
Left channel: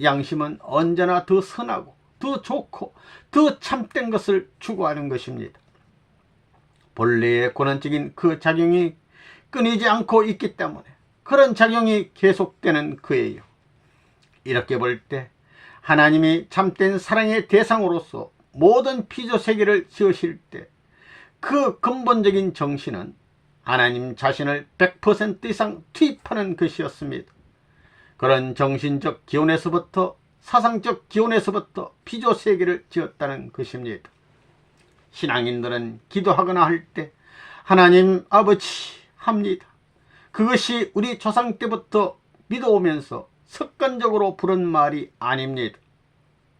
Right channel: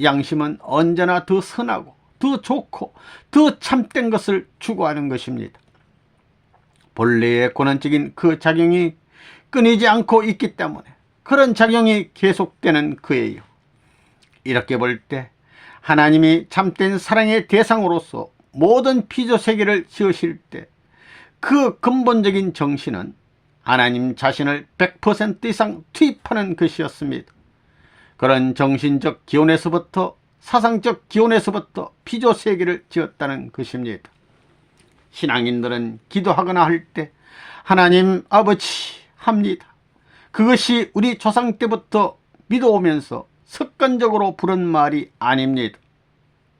양심은 언제나 더 선하고 더 좋고 더 참된 것을 추구하는 것입니다. 본래의 권한적인 그 작용이 끊이지 않고 있기 때문에 그런 작용이 계속되는 거예요. 이렇게 볼 때 하나님이 참된 사랑의 대상으로서 모든 피조세계를 지으실 때 그 근본적인 정신은 하나님 자신을 100% 이상 투입하는 것이었습니다. 그런 정신적 기원에서부터 사상적 기원에서부터 피조세계를 지었다는 것입니다. 신앙인들은 기도하거나 할 때 하나님 아버지 합니다. 그것이 우리 조상 때부터 믿어오면서 습관적으로 부른 말이 아닙니다.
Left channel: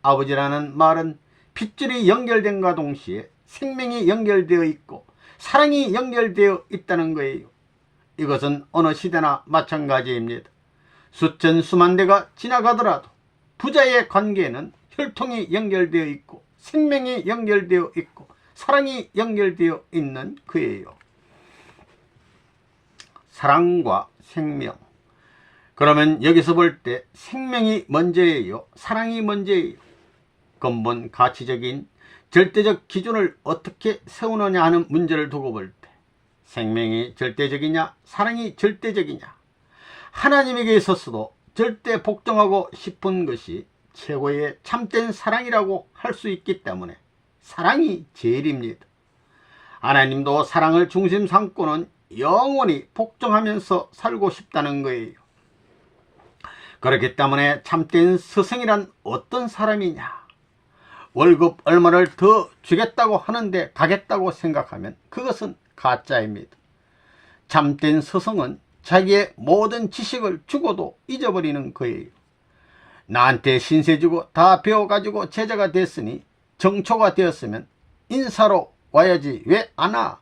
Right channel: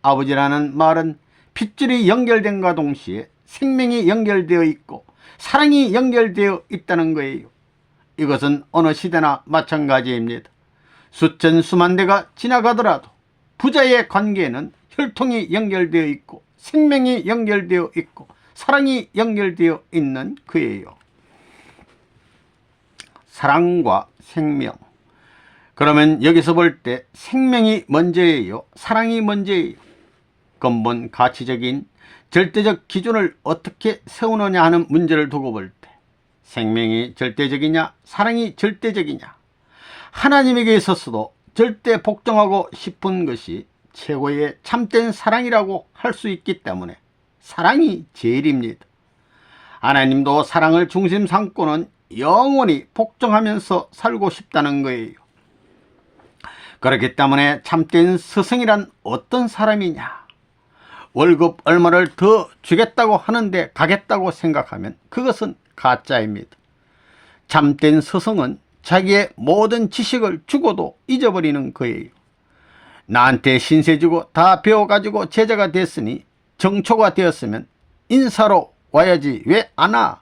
아버지라는 말은 핏줄이 연결된과 동시에 생명이 연결되어 있고 사랑이 연결되어 있다는 거예요. 이것은 어느 시대나 마찬가지입니다. 수천 수만 대가 지나가더라도 부자의 관계는 혈통이 연결되어 있고 생명이 연결되어 있고 사랑이 연결되어 있는 그예요. 사랑과 생명. 그러면 여기서 볼 때 생명이 먼저예요? 사랑이 먼저예요? 근본 가치적인 절대적 기준을 어떻게 세우느냐 하는 문제를 두고 볼 때 생명이 절대적이냐 사랑이 절대적이냐, 하나님에게 있어서도 절대 복종하고 싶은 것이 최고의 참된 사랑이라고 할 수 있기 때문에 사랑이 제일입니다. 하나님도 사랑을 중심 삼고는 영원히 복종하면서 살고 싶다는 거예요. 그렇기 때문에 참된 스승이란 어떤 사람이냐, 월급 얼마를 더 주겠다고 하는데 가겠다고 생각하면 그것은 가짜입니다. 참된 스승은 자기의 모든 지식을 주고도 잊어버리는 거예요. 나한테 신세 주고 다 배워가지고 제자가 됐으니 정초가 되었으면 인사로 와야지 왜 안 와?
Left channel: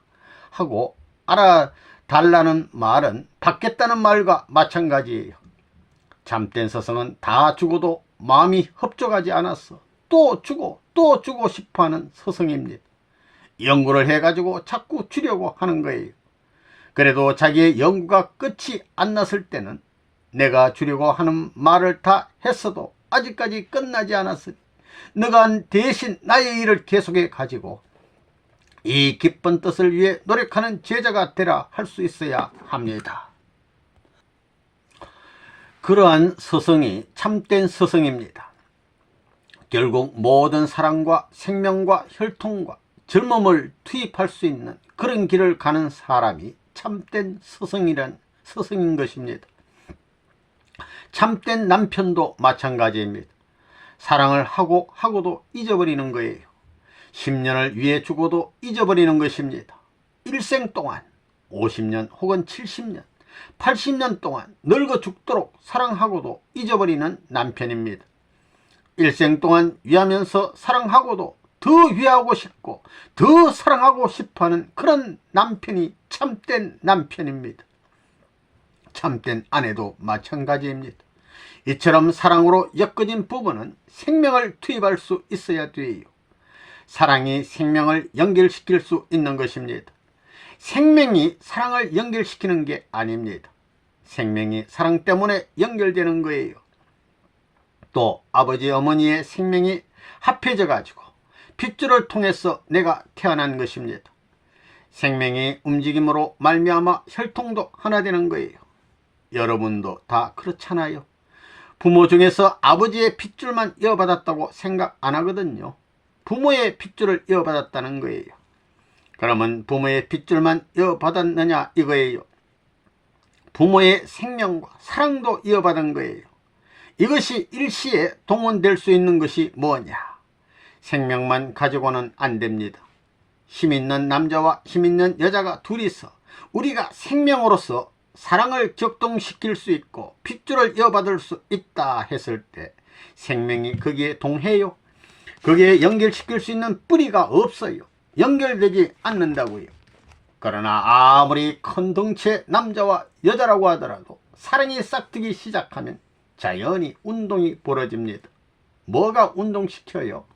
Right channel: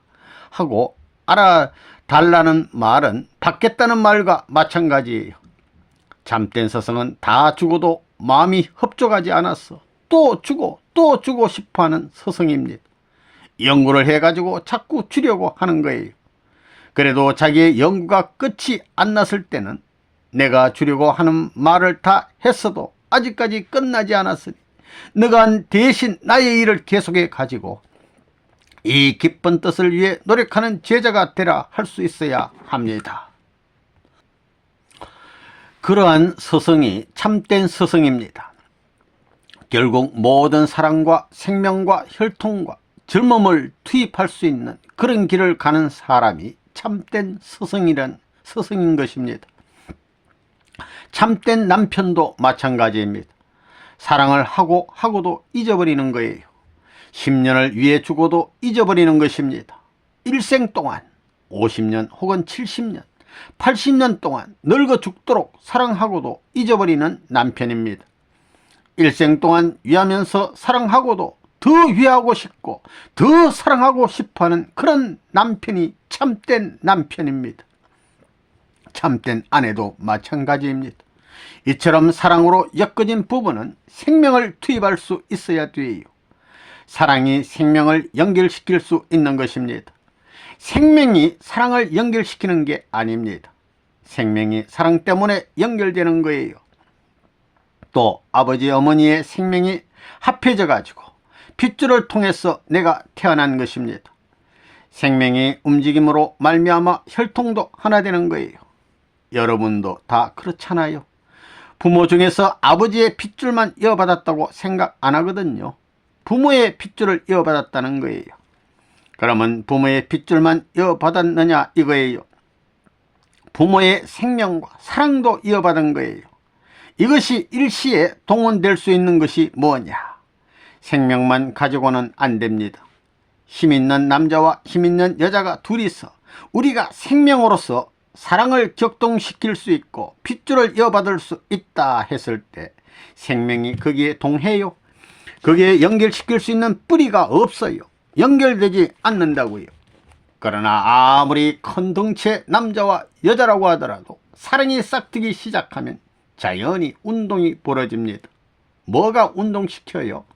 하고 알아달라는 말은 받겠다는 말과 마찬가지예요. 참된 스승은 다 주고도 마음이 흡족하지 않았어 또 주고 또 주고 싶어하는 스승입니다. 연구를 해가지고 자꾸 주려고 하는 거예요. 그래도 자기의 연구가 끝이 안 났을 때는 내가 주려고 하는 말을 다 했어도 아직까지 끝나지 않았으니 너가 대신 나의 일을 계속해 가지고 이 기쁜 뜻을 위해 노력하는 제자가 되라 할 수 있어야 합니다. 그러한 스승이 참된 스승입니다. 결국 모든 사랑과 생명과 혈통과 젊음을 투입할 수 있는 그런 길을 가는 사람이 참된 스승인 것입니다. 참된 남편도 마찬가지입니다. 사랑을 하고도 잊어버리는 거예요. 10년을 위해 주고도 잊어버리는 것입니다. 일생 동안 50년 혹은 70년 80년 동안 늙어 죽도록 사랑하고도 잊어버리는 남편입니다. 일생 동안 위하면서 사랑하고도 더 위하고 싶고 더 사랑하고 싶어하는 그런 남편이 참된 남편입니다. 참된 아내도 마찬가지입니다. 이처럼 사랑으로 엮어진 부부는 생명을 투입할 수 있어야 돼요. 사랑이 생명을 연결시킬 수 있는 것입니다. 생명이 사랑을 연결시키는 게 아닙니다. 생명이 사랑 때문에 연결되는 거예요. 또 아버지 어머니의 생명이 합해져 가지고 핏줄을 통해서 내가 태어난 것입니다. 생명의 움직임으로 말미암아 혈통도 하나 되는 거예요. 여러분도 다 그렇잖아요. 부모 중에서 아버지의 핏줄만 이어받았다고 생각 안 하거든요. 부모의 핏줄을 이어받았다는 거예요. 그러면 부모의 핏줄만 이어받았느냐 이거예요. 부모의 생명과 사랑도 이어받은 거예요. 이것이 일시에 동원될 수 있는 것이 뭐냐? 생명만 가지고는 안 됩니다. 힘있는 남자와 힘있는 여자가 둘이서 우리가 생명으로서 사랑을 격동시킬 수 있고 핏줄을 이어받을 수 있다 했을 때 생명이 거기에 동해요? 거기에 연결시킬 수 있는 뿌리가 없어요. 연결되지 않는다고요. 그러나 아무리 큰 덩치의 남자와 여자라고 하더라도 사랑이 싹트기 시작하면 자연히 운동이 벌어집니다. 뭐가 운동시켜요?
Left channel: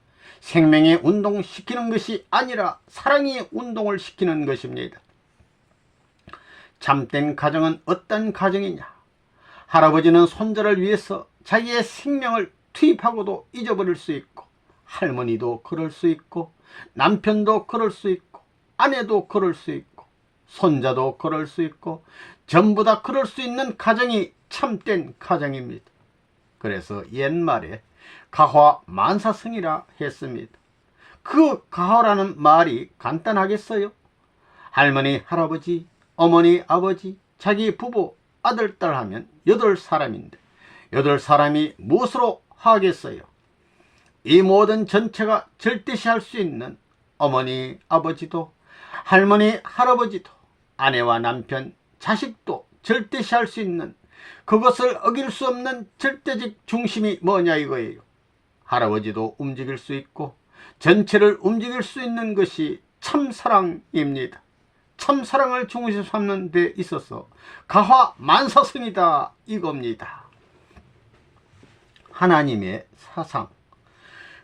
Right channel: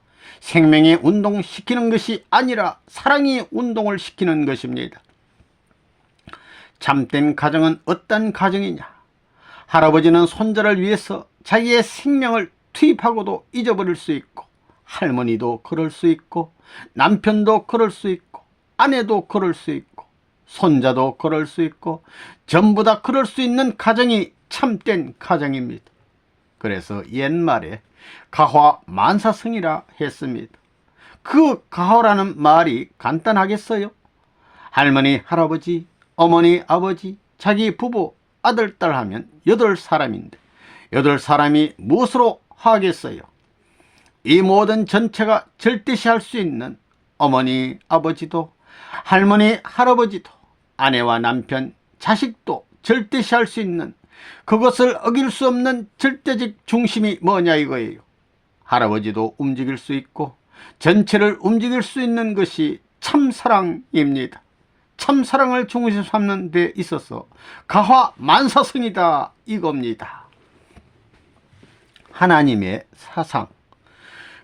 생명이 운동시키는 것이 아니라 사랑이 운동을 시키는 것입니다. 참된 가정은 어떤 가정이냐? 할아버지는 손자를 위해서 자기의 생명을 투입하고도 잊어버릴 수 있고, 할머니도 그럴 수 있고, 남편도 그럴 수 있고, 아내도 그럴 수 있고, 손자도 그럴 수 있고, 전부 다 그럴 수 있는 가정이 참된 가정입니다. 그래서 옛말에 가화만사성이라 했습니다. 그 가화라는 말이 간단하겠어요? 할머니, 할아버지, 어머니, 아버지, 자기 부부, 아들, 딸 하면 8사람인데 8사람이 무엇으로 하겠어요? 이 모든 전체가 절대시할 수 있는 어머니, 아버지도, 할머니, 할아버지도, 아내와 남편, 자식도 절대시할 수 있는 그것을 어길 수 없는 절대적 중심이 뭐냐 이거예요. 할아버지도 움직일 수 있고 전체를 움직일 수 있는 것이 참사랑입니다. 참사랑을 중심 삼는 데 있어서 가화만사성이다 이겁니다. 하나님의 사상,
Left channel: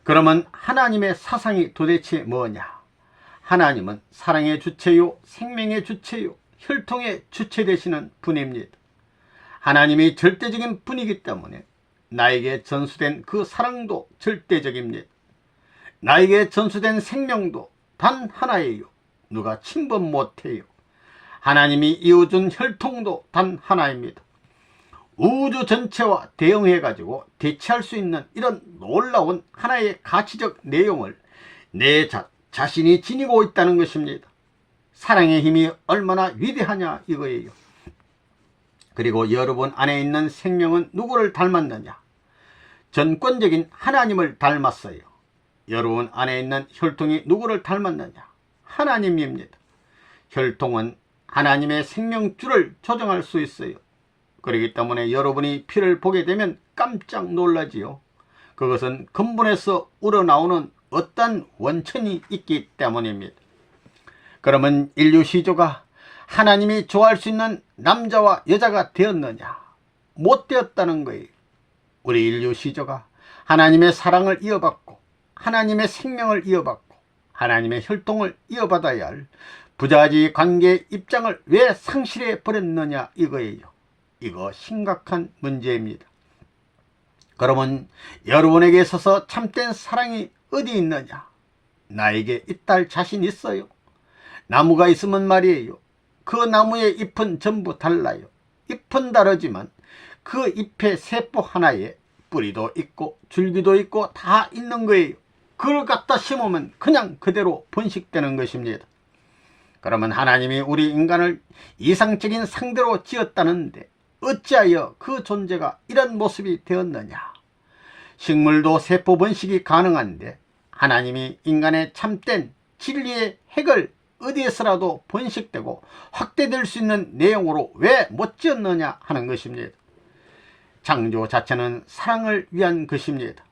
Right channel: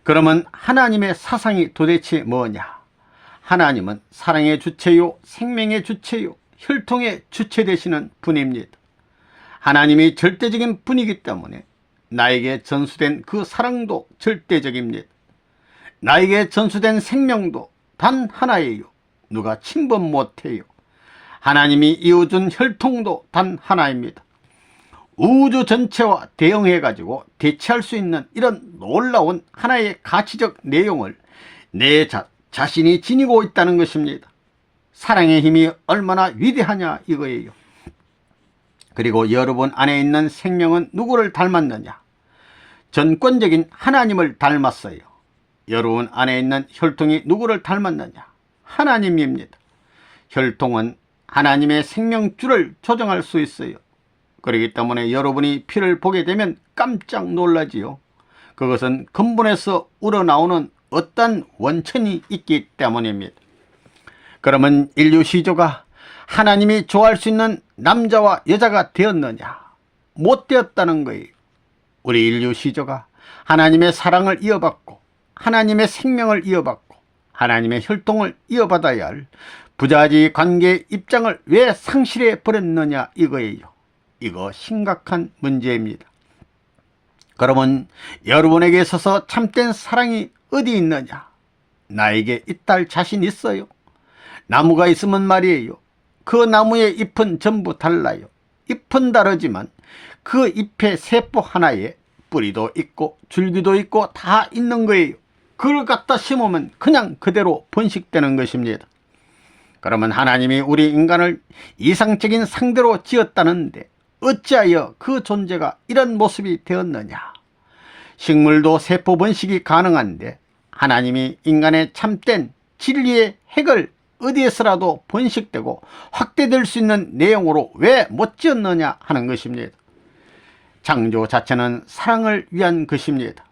그러면 하나님의 사상이 도대체 뭐냐? 하나님은 사랑의 주체요, 생명의 주체요, 혈통의 주체 되시는 분입니다. 하나님이 절대적인 분이기 때문에 나에게 전수된 그 사랑도 절대적입니다. 나에게 전수된 생명도 단 하나예요. 누가 침범 못해요. 하나님이 이어준 혈통도 단 하나입니다. 우주 전체와 대응해가지고 대체할 수 있는 이런 놀라운 하나의 가치적 내용을 내 자신이 지니고 있다는 것입니다. 사랑의 힘이 얼마나 위대하냐 이거예요. 그리고 여러분 안에 있는 생명은 누구를 닮았느냐? 전권적인 하나님을 닮았어요. 여러분 안에 있는 혈통이 누구를 닮았느냐? 하나님입니다. 혈통은 하나님의 생명줄을 조정할 수 있어요. 그렇기 때문에 여러분이 피를 보게 되면 깜짝 놀라지요. 그것은 근본에서 우러나오는 어떤 원천이 있기 때문입니다. 그러면 인류 시조가 하나님이 좋아할 수 있는 남자와 여자가 되었느냐? 못 되었다는 거예요. 우리 인류 시조가 하나님의 사랑을 이어받고 하나님의 생명을 이어받고 하나님의 혈통을 이어받아야 할 부자지 관계의 입장을 왜 상실해 버렸느냐 이거예요. 이거 심각한 문제입니다. 그러면 여러분에게 있어서 참된 사랑이 어디 있느냐? 나에게 있다 자신 있어요. 나무가 있으면 말이에요. 그 나무의 잎은 전부 달라요. 잎은 다르지만 그 잎의 세포 하나에 뿌리도 있고 줄기도 있고 다 있는 거예요. 그걸 갖다 심으면 그냥 그대로 번식되는 것입니다. 그러면 하나님이 우리 인간을 이상적인 상대로 지었다는데 어찌하여 그 존재가 이런 모습이 되었느냐? 식물도 세포 번식이 가능한데 하나님이 인간의 참된 진리의 핵을 어디에서라도 번식되고 확대될 수 있는 내용으로 왜 못 지었느냐 하는 것입니다. 창조 자체는 사랑을 위한 것입니다.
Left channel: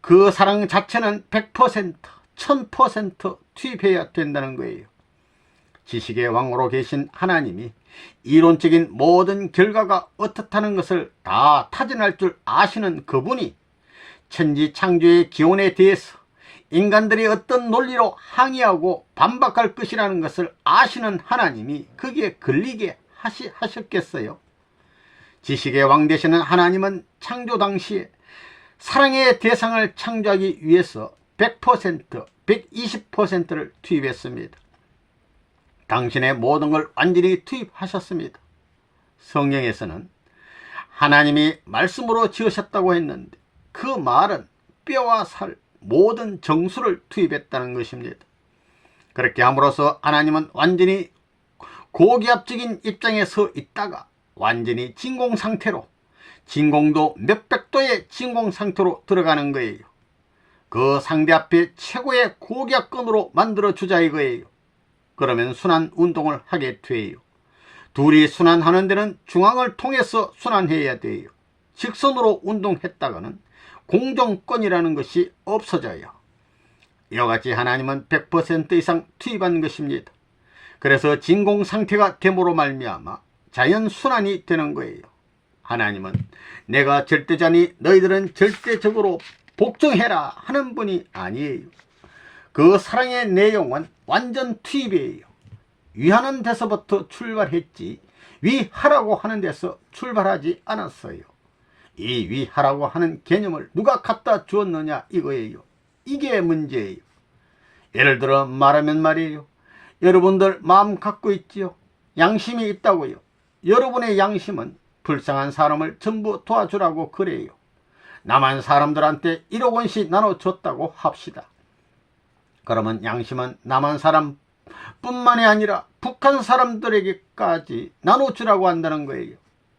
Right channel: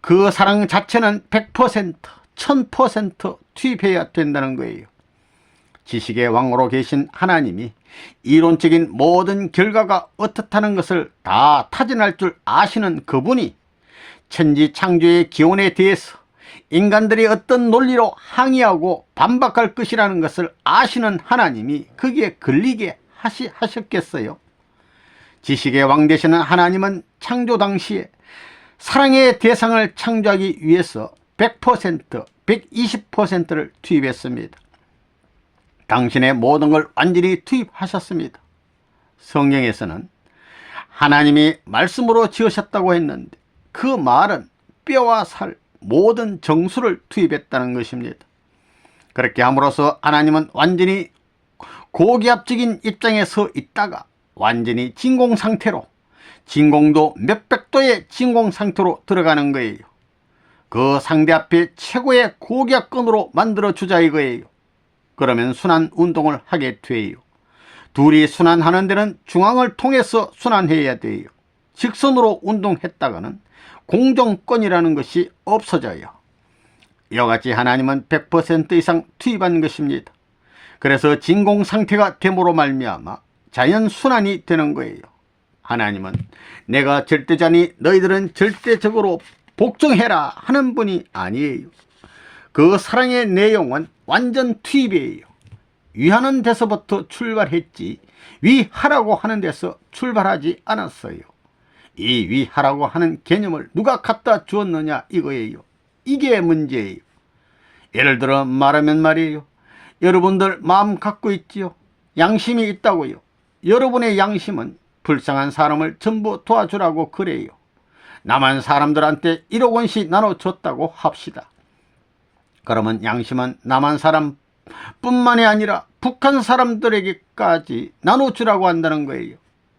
그 사랑 자체는 100%, 1000% 투입해야 된다는 거예요. 지식의 왕으로 계신 하나님이 이론적인 모든 결과가 어떻다는 것을 다 타진할 줄 아시는 그분이 천지 창조의 기원에 대해서 인간들이 어떤 논리로 항의하고 반박할 것이라는 것을 아시는 하나님이 거기에 걸리게 하셨겠어요? 지식의 왕 되시는 하나님은 창조 당시에 사랑의 대상을 창조하기 위해서 100%, 120%를 투입했습니다. 당신의 모든 걸 완전히 투입하셨습니다. 성경에서는 하나님이 말씀으로 지으셨다고 했는데 그 말은 뼈와 살, 모든 정수를 투입했다는 것입니다. 그렇게 함으로써 하나님은 완전히 고기압적인 입장에 서 있다가 완전히 진공 상태로, 진공도 몇백 도의 진공 상태로 들어가는 거예요. 그 상대 앞에 최고의 고기압권으로 만들어 주자 이거예요. 그러면 순환 운동을 하게 돼요. 둘이 순환하는 데는 중앙을 통해서 순환해야 돼요. 직선으로 운동했다가는 공정권이라는 것이 없어져요. 이와 같이 하나님은 100% 이상 투입한 것입니다. 그래서 진공 상태가 됨으로 말미암아 자연 순환이 되는 거예요. 하나님은 내가 절대자니 너희들은 절대적으로 복종해라 하는 분이 아니에요. 그 사랑의 내용은 완전 투입이에요. 위하는 데서부터 출발했지 위하라고 하는 데서 출발하지 않았어요. 이 위하라고 하는 개념을 누가 갖다 주었느냐 이거예요. 이게 문제예요. 예를 들어 말하면 말이에요. 여러분들 마음 갖고 있지요. 양심이 있다고요. 여러분의 양심은 불쌍한 사람을 전부 도와주라고 그래요. 남한 사람들한테 1억 원씩 나눠줬다고 합시다. 그러면 양심은 남한 사람 뿐만이 아니라 북한 사람들에게까지 나눠주라고 한다는 거예요.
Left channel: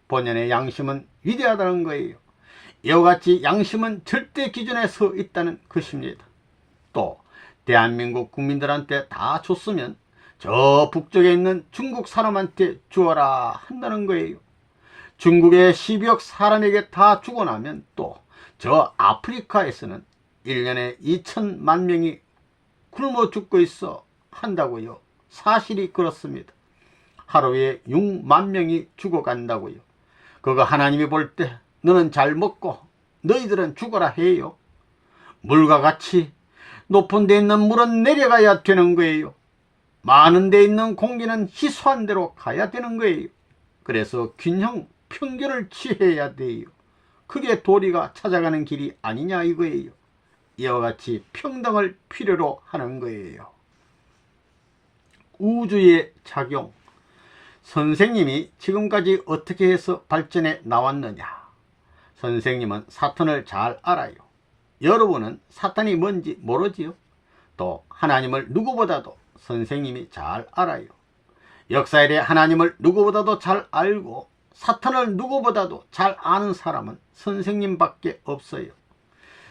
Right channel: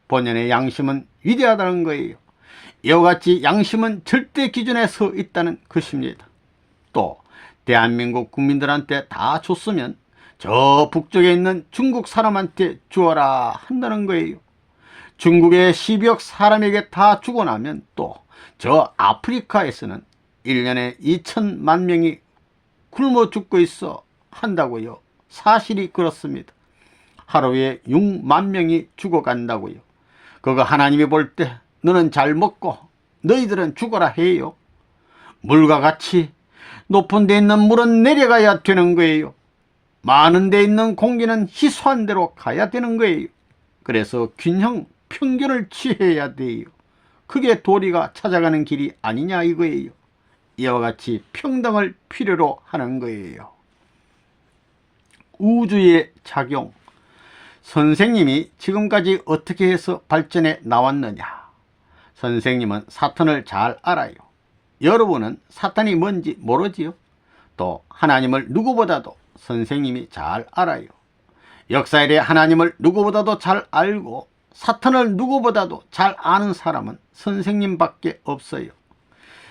본연의 양심은 위대하다는 거예요. 이와 같이 양심은 절대 기준에 서 있다는 것입니다. 또 대한민국 국민들한테 다 줬으면 저 북쪽에 있는 중국 사람한테 주어라 한다는 거예요. 중국의 12억 사람에게 다 주고 나면 또 저 아프리카에서는 1년에 2천만 명이 굶어 죽고 있어 한다고요. 사실이 그렇습니다. 하루에 6만 명이 죽어간다고요. 그거 하나님이 볼 때 너는 잘 먹고 너희들은 죽어라 해요. 물과 같이 높은 데 있는 물은 내려가야 되는 거예요. 많은 데 있는 공기는 희소한 데로 가야 되는 거예요. 그래서 균형, 평균을 취해야 돼요. 그게 도리가 찾아가는 길이 아니냐 이거예요. 이와 같이 평등을 필요로 하는 거예요. 우주의 작용. 선생님이 지금까지 어떻게 해서 발전해 나왔느냐? 선생님은 사탄을 잘 알아요. 여러분은 사탄이 뭔지 모르지요? 또 하나님을 누구보다도 선생님이 잘 알아요. 역사일에 하나님을 누구보다도 잘 알고 사탄을 누구보다도 잘 아는 사람은 선생님밖에 없어요.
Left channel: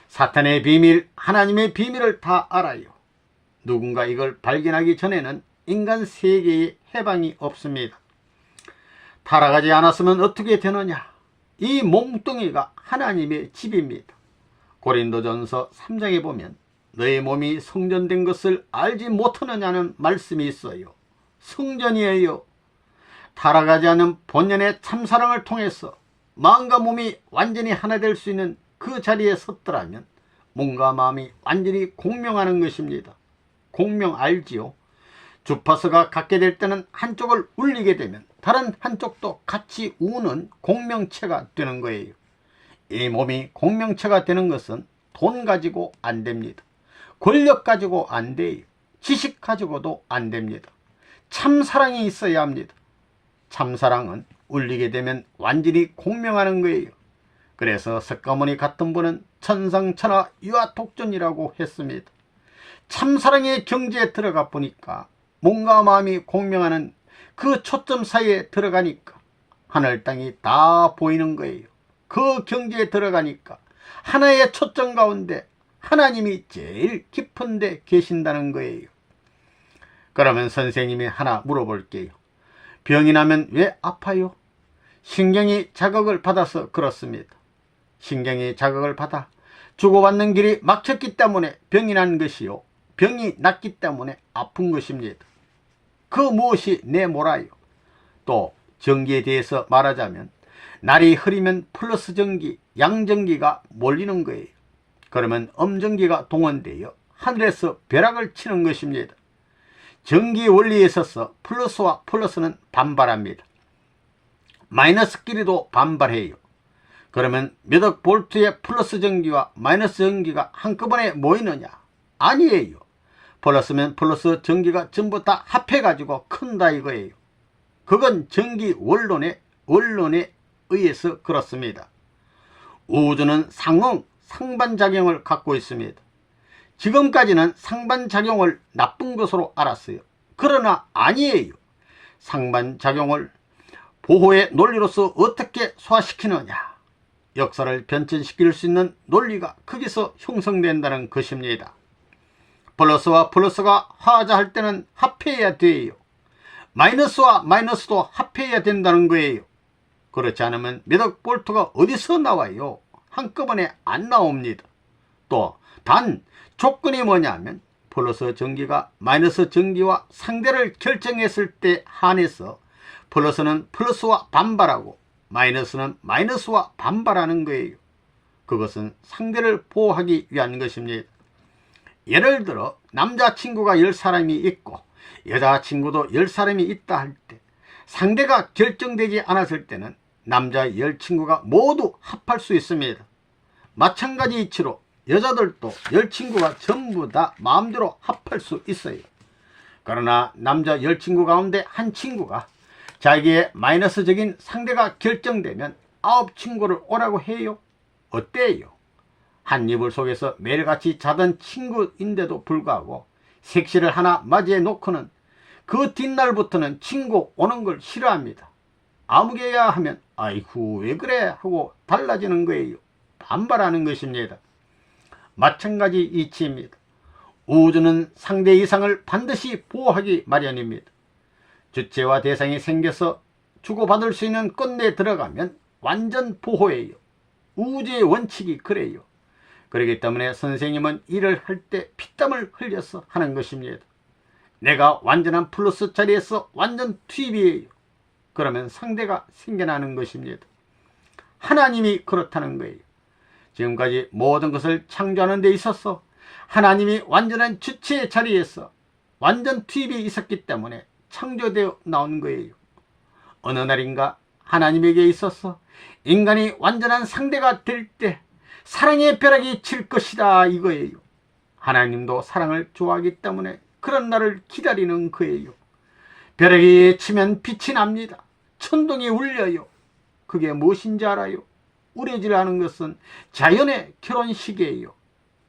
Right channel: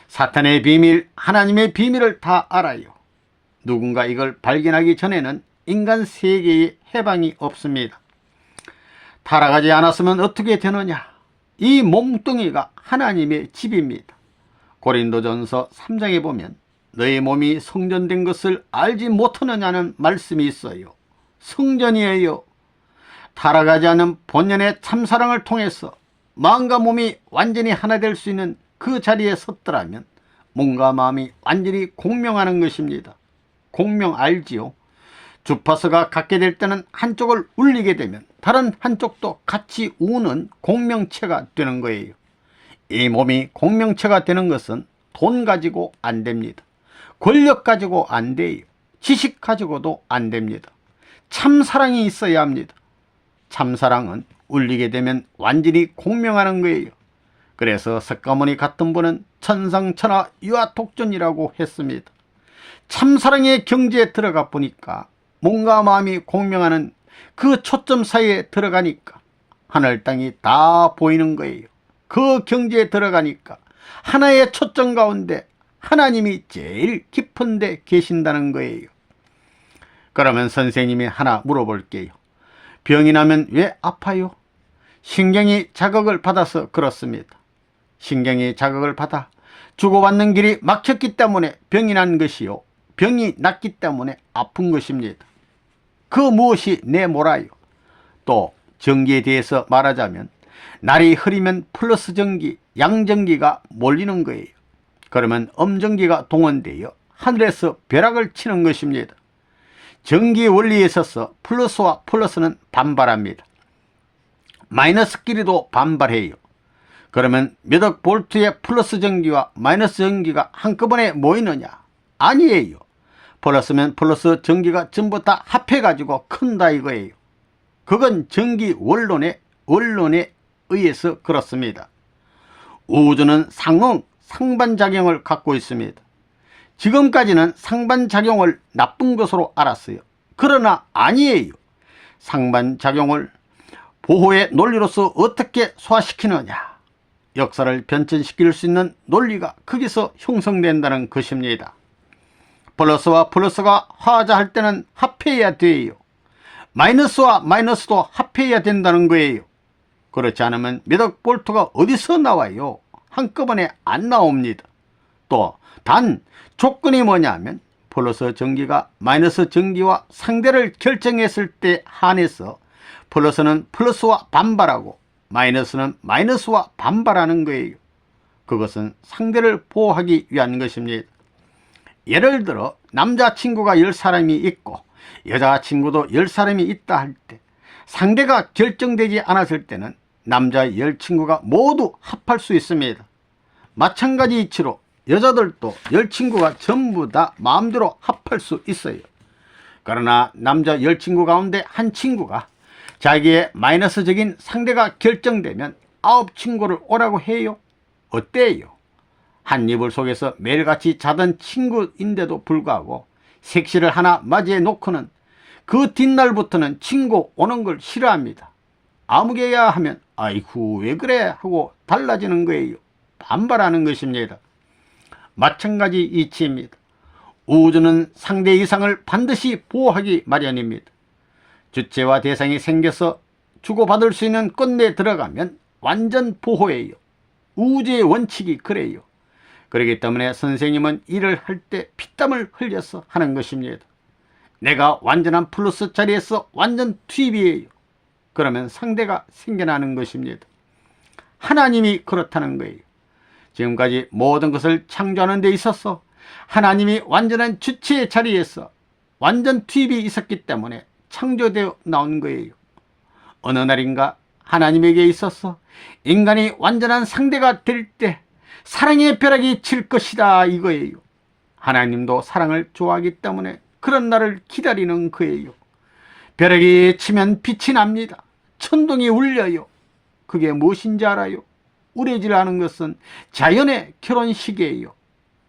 사탄의 비밀, 하나님의 비밀을 다 알아요. 누군가 이걸 발견하기 전에는 인간 세계에 해방이 없습니다. 타락하지 않았으면 어떻게 되느냐? 이 몸뚱이가 하나님의 집입니다. 고린도전서 3장에 보면 너의 몸이 성전된 것을 알지 못하느냐는 말씀이 있어요. 성전이에요. 타락하지 않은 본연의 참사랑을 통해서 마음과 몸이 완전히 하나 될 수 있는 그 자리에 섰더라면 몸과 마음이 완전히 공명하는 것입니다. 공명 알지요? 주파수가 같게 될 때는 한쪽을 울리게 되면 다른 한쪽도 같이 우는 공명체가 되는 거예요. 이 몸이 공명체가 되는 것은 돈 가지고 안 됩니다. 권력 가지고 안 돼요. 지식 가지고도 안 됩니다. 참사랑이 있어야 합니다. 참사랑은 울리게 되면 완전히 공명하는 거예요. 그래서 석가모니 같은 분은 천상천하 유아독존이라고 했습니다. 참사랑의 경지에 들어가 보니까 몸과 마음이 공명하는 그 초점 사이에 들어가니까 하늘 땅이 다 보이는 거예요. 그 경지에 들어가니까 하나의 초점 가운데 하나님이 제일 깊은 데 계신다는 거예요. 그러면 선생님이 하나 물어볼게요. 병이 나면 왜 아파요? 신경이 자극을 받아서 그렇습니다. 신경이 자극을 받아 주고받는 길이 막혔기 때문에 병이 난 것이요, 병이 났기 때문에 아픈 것입니다. 그 무엇이 내몰아요? 또 전기에 대해서 말하자면 날이 흐리면 플러스 전기, 양전기가 몰리는 거예요. 그러면 음전기가 동원되어 하늘에서 벼락을 치는 것입니다. 전기 원리에 있어서 플러스와 플러스는 반발합니다. 마이너스끼리도 반발해요. 그러면 몇억 볼트의 플러스 전기와 마이너스 전기가 한꺼번에 모이느냐? 아니에요. 플러스면 플러스 전기가 전부 다 합해가지고 큰다 이거예요. 그건 전기 원론에 의해서 그렇습니다. 우주는 상반작용을 갖고 있습니다. 지금까지는 상반작용을 나쁜 것으로 알았어요. 그러나 아니에요. 상반작용을 보호의 논리로서 어떻게 소화시키느냐? 역사를 변천시킬 수 있는 논리가 거기서 형성된다는 것입니다. 플러스와 플러스가 화자할 때는 합해야 돼요. 마이너스와 마이너스도 합해야 된다는 거예요. 그렇지 않으면 몇억 볼트가 어디서 나와요? 한꺼번에 안 나옵니다. 또 단 조건이 뭐냐면 플러스 전기가 마이너스 전기와 상대를 결정했을 때 한해서 플러스는 플러스와 반발하고 마이너스는 마이너스와 반발하는 거예요. 그것은 상대를 보호하기 위한 것입니다. 예를 들어 남자친구가 10사람이 있고 여자친구도 10사람이 있다 할 때 상대가 결정되지 않았을 때는 남자 10친구가 모두 합할 수 있습니다. 마찬가지 이치로 여자들도 10친구가 전부 다 마음대로 합할 수 있어요. 그러나 남자 10친구 가운데 한 친구가 자기의 마이너스적인 상대가 결정되면 9친구를 오라고 해요. 어때요? 한 이불 속에서 매일같이 자던 친구인데도 불구하고 색시를 하나 맞이해 놓고는 그 뒷날부터는 친구 오는 걸 싫어합니다. 아무개야 하면 아이고 왜 그래 하고 달라지는 거예요. 반발하는 것입니다. 마찬가지 이치입니다. 우주는 상대 이상을 반드시 보호하기 마련입니다. 주체와 대상이 생겨서 주고받을 수 있는 건네에 들어가면 완전 보호예요. 우주의 원칙이 그래요. 그렇기 때문에 선생님은 일을 할 때 피땀을 흘려서 하는 것입니다. 내가 완전한 플러스 자리에서 완전 투입이에요. 그러면 상대가 생겨나는 것입니다. 하나님이 그렇다는 거예요. 지금까지 모든 것을 창조하는 데 있어서 하나님이 완전한 주체의 자리에서 완전 투입이 있었기 때문에 창조되어 나온 거예요. 어느 날인가 하나님에게 있어서 인간이 완전한 상대가 될 때 사랑의 벼락이 칠 것이다 이거예요. 하나님도 사랑을 좋아하기 때문에 그런 날을 기다리는 거예요. 벼락이 치면 빛이 납니다. 천둥이 울려요. 그게 무엇인지 알아요? 우레질하는 것은 자연의 결혼식이에요.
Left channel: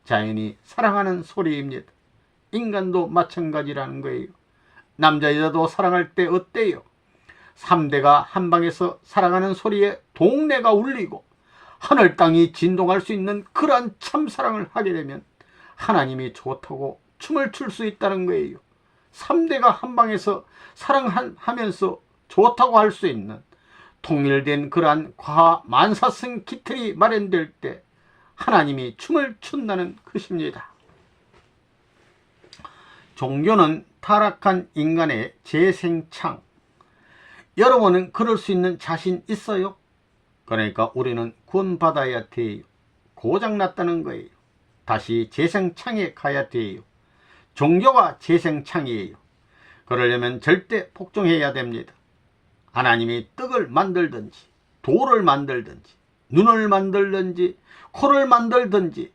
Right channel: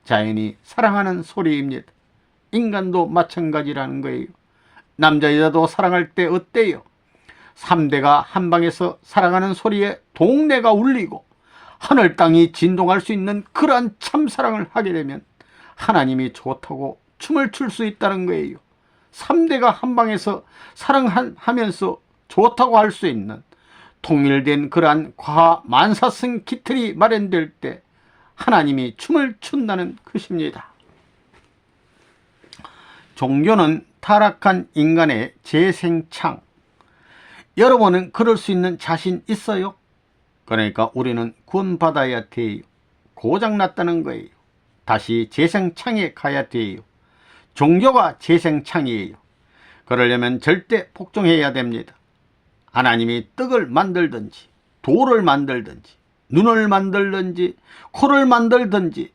자연이 사랑하는 소리입니다. 인간도 마찬가지라는 거예요. 남자 여자도 사랑할 때 어때요? 3대가 한방에서 사랑하는 소리에 동네가 울리고 하늘 땅이 진동할 수 있는 그러한 참사랑을 하게 되면 하나님이 좋다고 춤을 출 수 있다는 거예요. 3대가 한방에서 사랑하면서 좋다고 할 수 있는 통일된 그러한 과학 만사성 기틀이 마련될 때 하나님이 춤을 춘다는 것입니다. 종교는 타락한 인간의 재생창. 여러분은 그럴 수 있는 자신 있어요? 그러니까 우리는 구원받아야 돼요. 고장났다는 거예요. 다시 재생창에 가야 돼요. 종교가 재생창이에요. 그러려면 절대 복종해야 됩니다. 하나님이 떡을 만들든지 돌을 만들든지 눈을 만들든지 코를 만들든지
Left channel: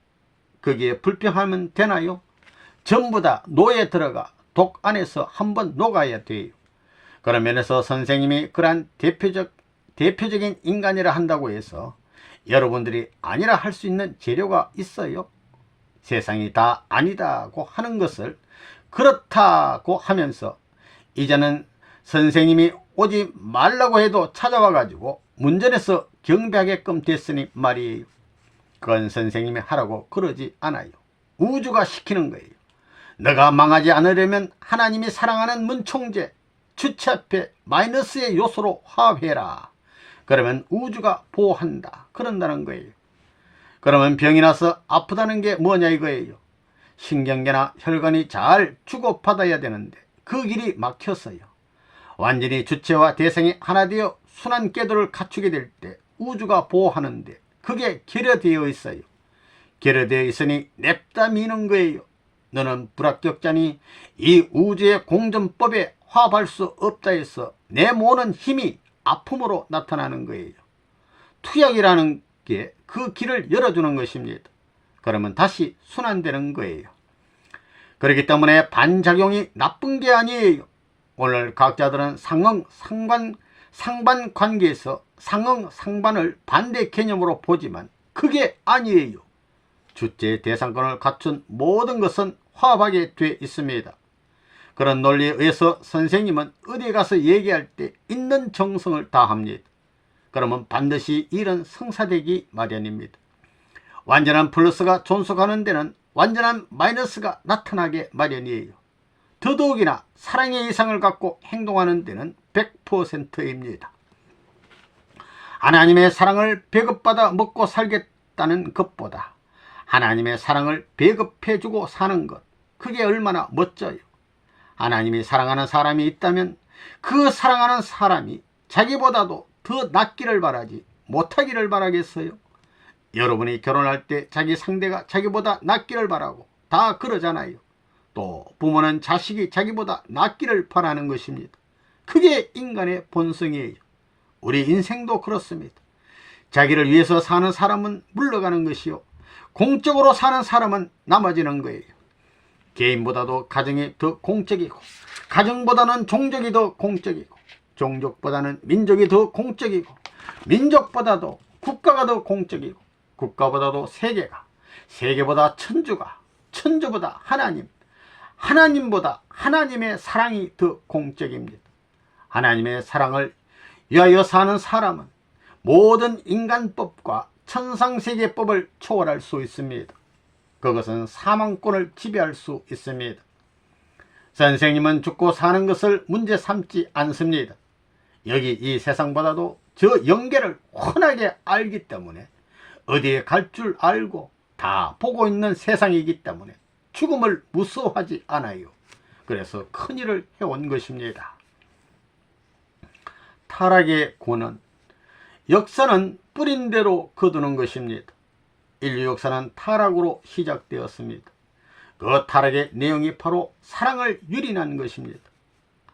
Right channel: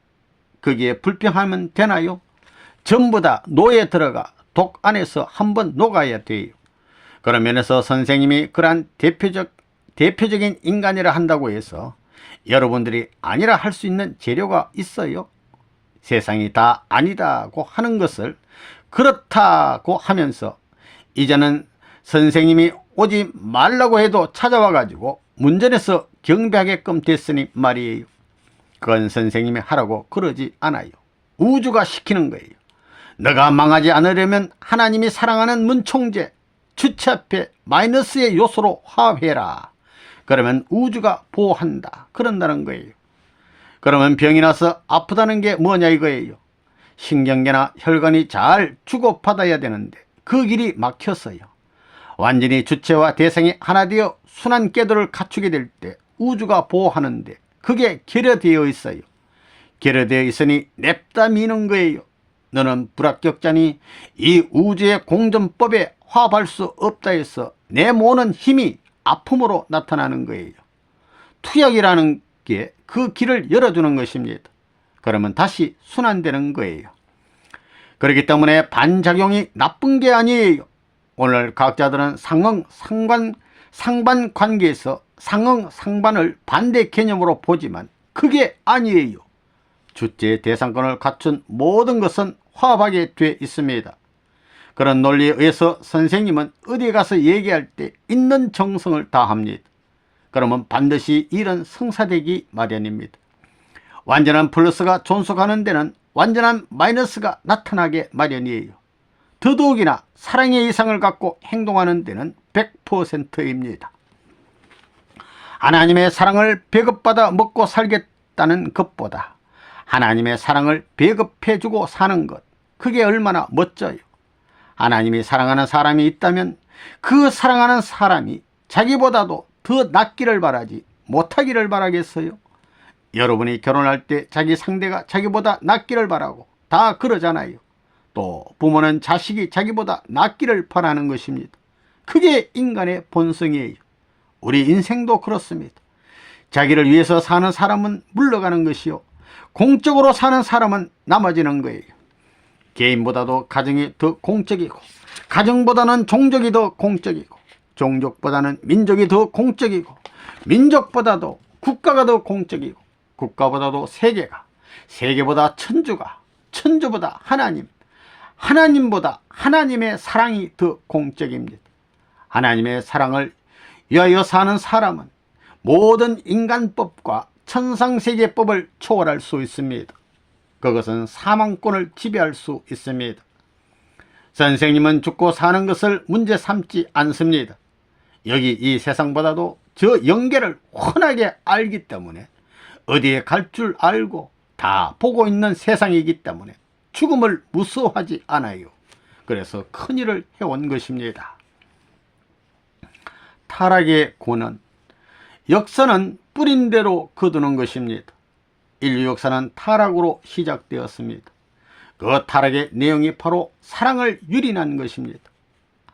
그게 불평하면 되나요? 전부 다 노에 들어가 독 안에서 한번 녹아야 돼요. 그런 면에서 선생님이 그러한 대표적인 인간이라 한다고 해서 여러분들이 아니라 할 수 있는 재료가 있어요. 세상이 다 아니다고 하는 것을 그렇다고 하면서 이제는 선생님이 오지 말라고 해도 찾아와 가지고 문전에서 경배하게끔 됐으니 말이에요. 그건 선생님이 하라고 그러지 않아요. 우주가 시키는 거예요. 너가 망하지 않으려면 하나님이 사랑하는 문총재 주체 앞에 마이너스의 요소로 화해라. 그러면 우주가 보호한다. 그런다는 거예요. 그러면 병이 나서 아프다는 게 뭐냐 이거예요. 신경계나 혈관이 잘 주고받아야 되는데 그 길이 막혔어요. 완전히 주체와 대상이 하나 되어 순환 궤도를 갖추게 될 때 우주가 보호하는데 그게 결여되어 있어요. 결여되어 있으니 냅다 미는 거예요. 너는 불합격자니 이 우주의 공전법에 화합할 수 없다 해서 내모는 힘이 아픔으로 나타나는 거예요. 투약이라는 게 그 길을 열어주는 것입니다. 그러면 다시 순환되는 거예요. 그렇기 때문에 반작용이 나쁜 게 아니에요. 오늘 과학자들은 상응, 상반 관계에서 상응, 상반을 반대 개념으로 보지만 그게 아니에요. 주체 대상권을 갖춘 모든 것은 화합하게 돼 있습니다. 그런 논리에 의해서 선생님은 어디 가서 얘기할 때 있는 정성을 다합니다. 그러면 반드시 일은 성사되기 마련입니다. 완전한 플러스가 존속하는 데는 완전한 마이너스가 나타나게 마련이에요. 더더욱이나 사랑의 이상을 갖고 행동하는 데는 100%입니다. 하나님의 사랑을 배급받아 먹고 살겠다는 것보다 하나님의 사랑을 배급해주고 사는 것, 그게 얼마나 멋져요. 하나님이 사랑하는 사람이 있다면 그 사랑하는 사람이 자기보다도 더 낫기를 바라지 못하기를 바라겠어요? 여러분이 결혼할 때 자기 상대가 자기보다 낫기를 바라고 다 그러잖아요. 또 부모는 자식이 자기보다 낫기를 바라는 것입니다. 그게 인간의 본성이에요. 우리 인생도 그렇습니다. 자기를 위해서 사는 사람은 물러가는 것이요, 공적으로 사는 사람은 남아지는 거예요. 개인보다도 가정이 더 공적이고, 가정보다는 종족이 더 공적이고, 종족보다는 민족이 더 공적이고, 민족보다도 국가가 더 공적이고, 국가보다도 세계가, 세계보다 천주가, 천주보다 하나님, 하나님보다 하나님의 사랑이 더 공적입니다. 하나님의 사랑을 위하여 사는 사람은 모든 인간법과 천상세계법을 초월할 수 있습니다. 그것은 사망권을 지배할 수 있습니다. 선생님은 죽고 사는 것을 문제 삼지 않습니다. 여기 이 세상보다도 저 영계를 훤하게 알기 때문에 어디에 갈 줄 알고 다 보고 있는 세상이기 때문에 죽음을 무서워하지 않아요. 그래서 큰일을 해온 것입니다. 타락의 고는 역사는 뿌린 대로 거두는 것입니다. 인류 역사는 타락으로 시작되었습니다. 그 타락의 내용이 바로 사랑을 유린한 것입니다.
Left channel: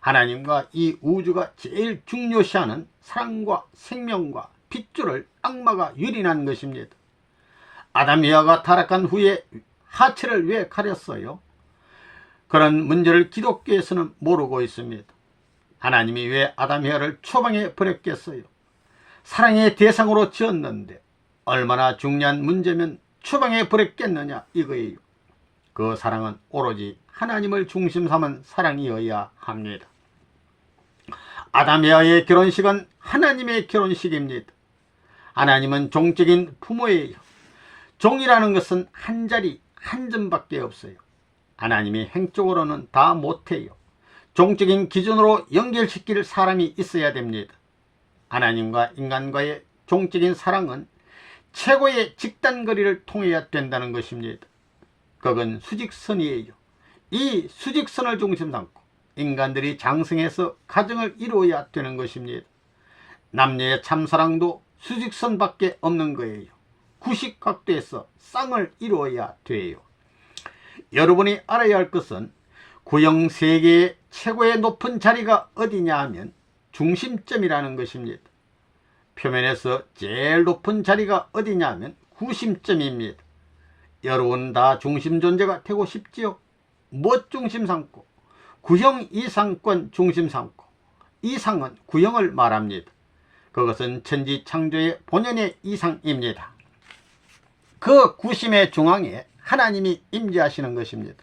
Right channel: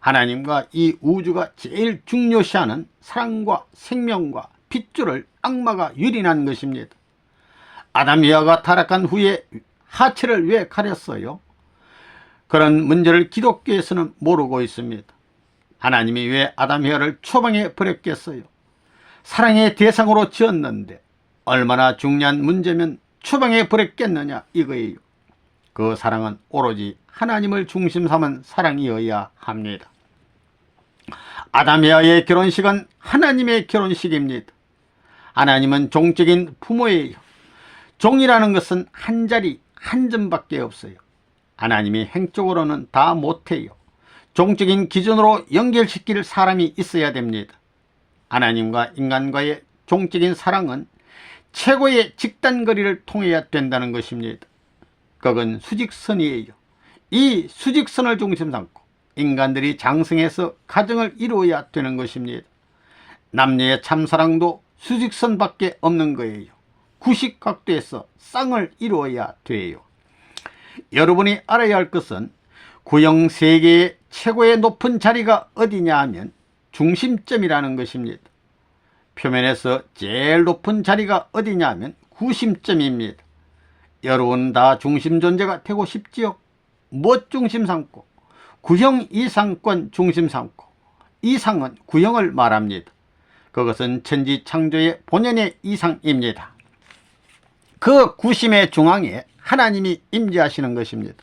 하나님과 이 우주가 제일 중요시하는 사랑과 생명과 핏줄을 악마가 유린한 것입니다. 아담 이하가 타락한 후에 하체를 왜 가렸어요? 그런 문제를 기독교에서는 모르고 있습니다. 하나님이 왜 아담 이하를 추방해 버렸겠어요? 사랑의 대상으로 지었는데 얼마나 중요한 문제면 추방해 버렸겠느냐 이거예요. 그 사랑은 오로지 하나님을 중심 삼은 사랑이어야 합니다. 아담 이하의 결혼식은 하나님의 결혼식입니다. 하나님은 종적인 부모예요. 종이라는 것은 한 자리 한 점밖에 없어요. 하나님이 행적으로는 다 못해요. 종적인 기준으로 연결시킬 사람이 있어야 됩니다. 하나님과 인간과의 종적인 사랑은 최고의 직단거리를 통해야 된다는 것입니다. 그건 수직선이에요. 이 수직선을 중심 삼고 인간들이 장성해서 가정을 이루어야 되는 것입니다. 남녀의 참사랑도 수직선밖에 없는 거예요. 90각도에서 쌍을 이루어야 돼요. 여러분이 알아야 할 것은 구형 세계의 최고의 높은 자리가 어디냐 하면 중심점이라는 것입니다. 표면에서 제일 높은 자리가 어디냐 하면 구심점입니다. 여러분 다 중심 존재가 되고 싶지요? 무엇 중심 삼고? 구형 이상권 중심 삼고, 이상은 구형을 말합니다. 그것은 천지 창조의 본연의 이상입니다. 그 구심의 중앙에 하나님이 임재하시는 것입니다.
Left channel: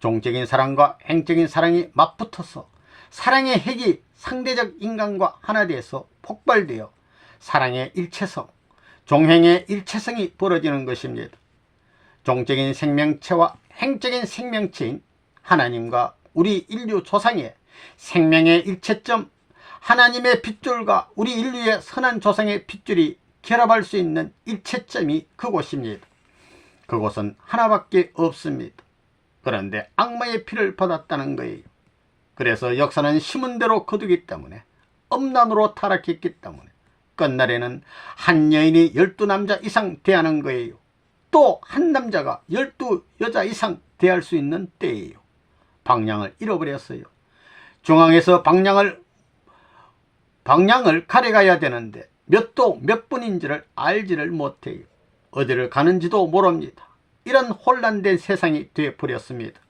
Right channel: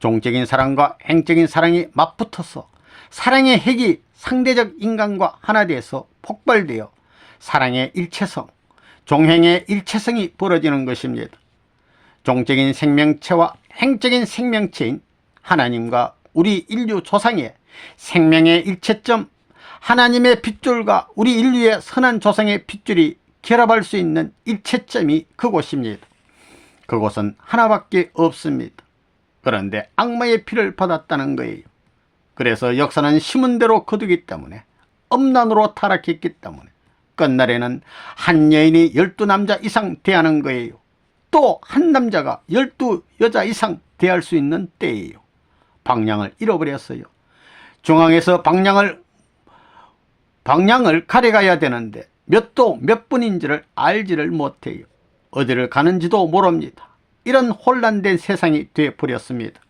종적인 사랑과 행적인 사랑이 맞붙어서 사랑의 핵이 상대적 인간과 하나 돼서 폭발되어 사랑의 일체성, 종행의 일체성이 벌어지는 것입니다. 종적인 생명체와 행적인 생명체인 하나님과 우리 인류 조상의 생명의 일체점, 하나님의 핏줄과 우리 인류의 선한 조상의 핏줄이 결합할 수 있는 일체점이 그곳입니다. 그곳은 하나밖에 없습니다. 그런데 악마의 피를 받았다는 거예요. 그래서 역사는 심은 대로 거두기 때문에, 음란으로 타락했기 때문에 끝날에는 한 여인이 12남자 이상 대하는 거예요. 또 한 남자가 12여자 이상 대할 수 있는 때예요. 방향을 잃어버렸어요. 중앙에서 방향을 가려가야 되는데 몇 도 몇 분인지를 알지를 못해요. 어디를 가는지도 모릅니다. 이런 혼란된 세상이 되어버렸습니다.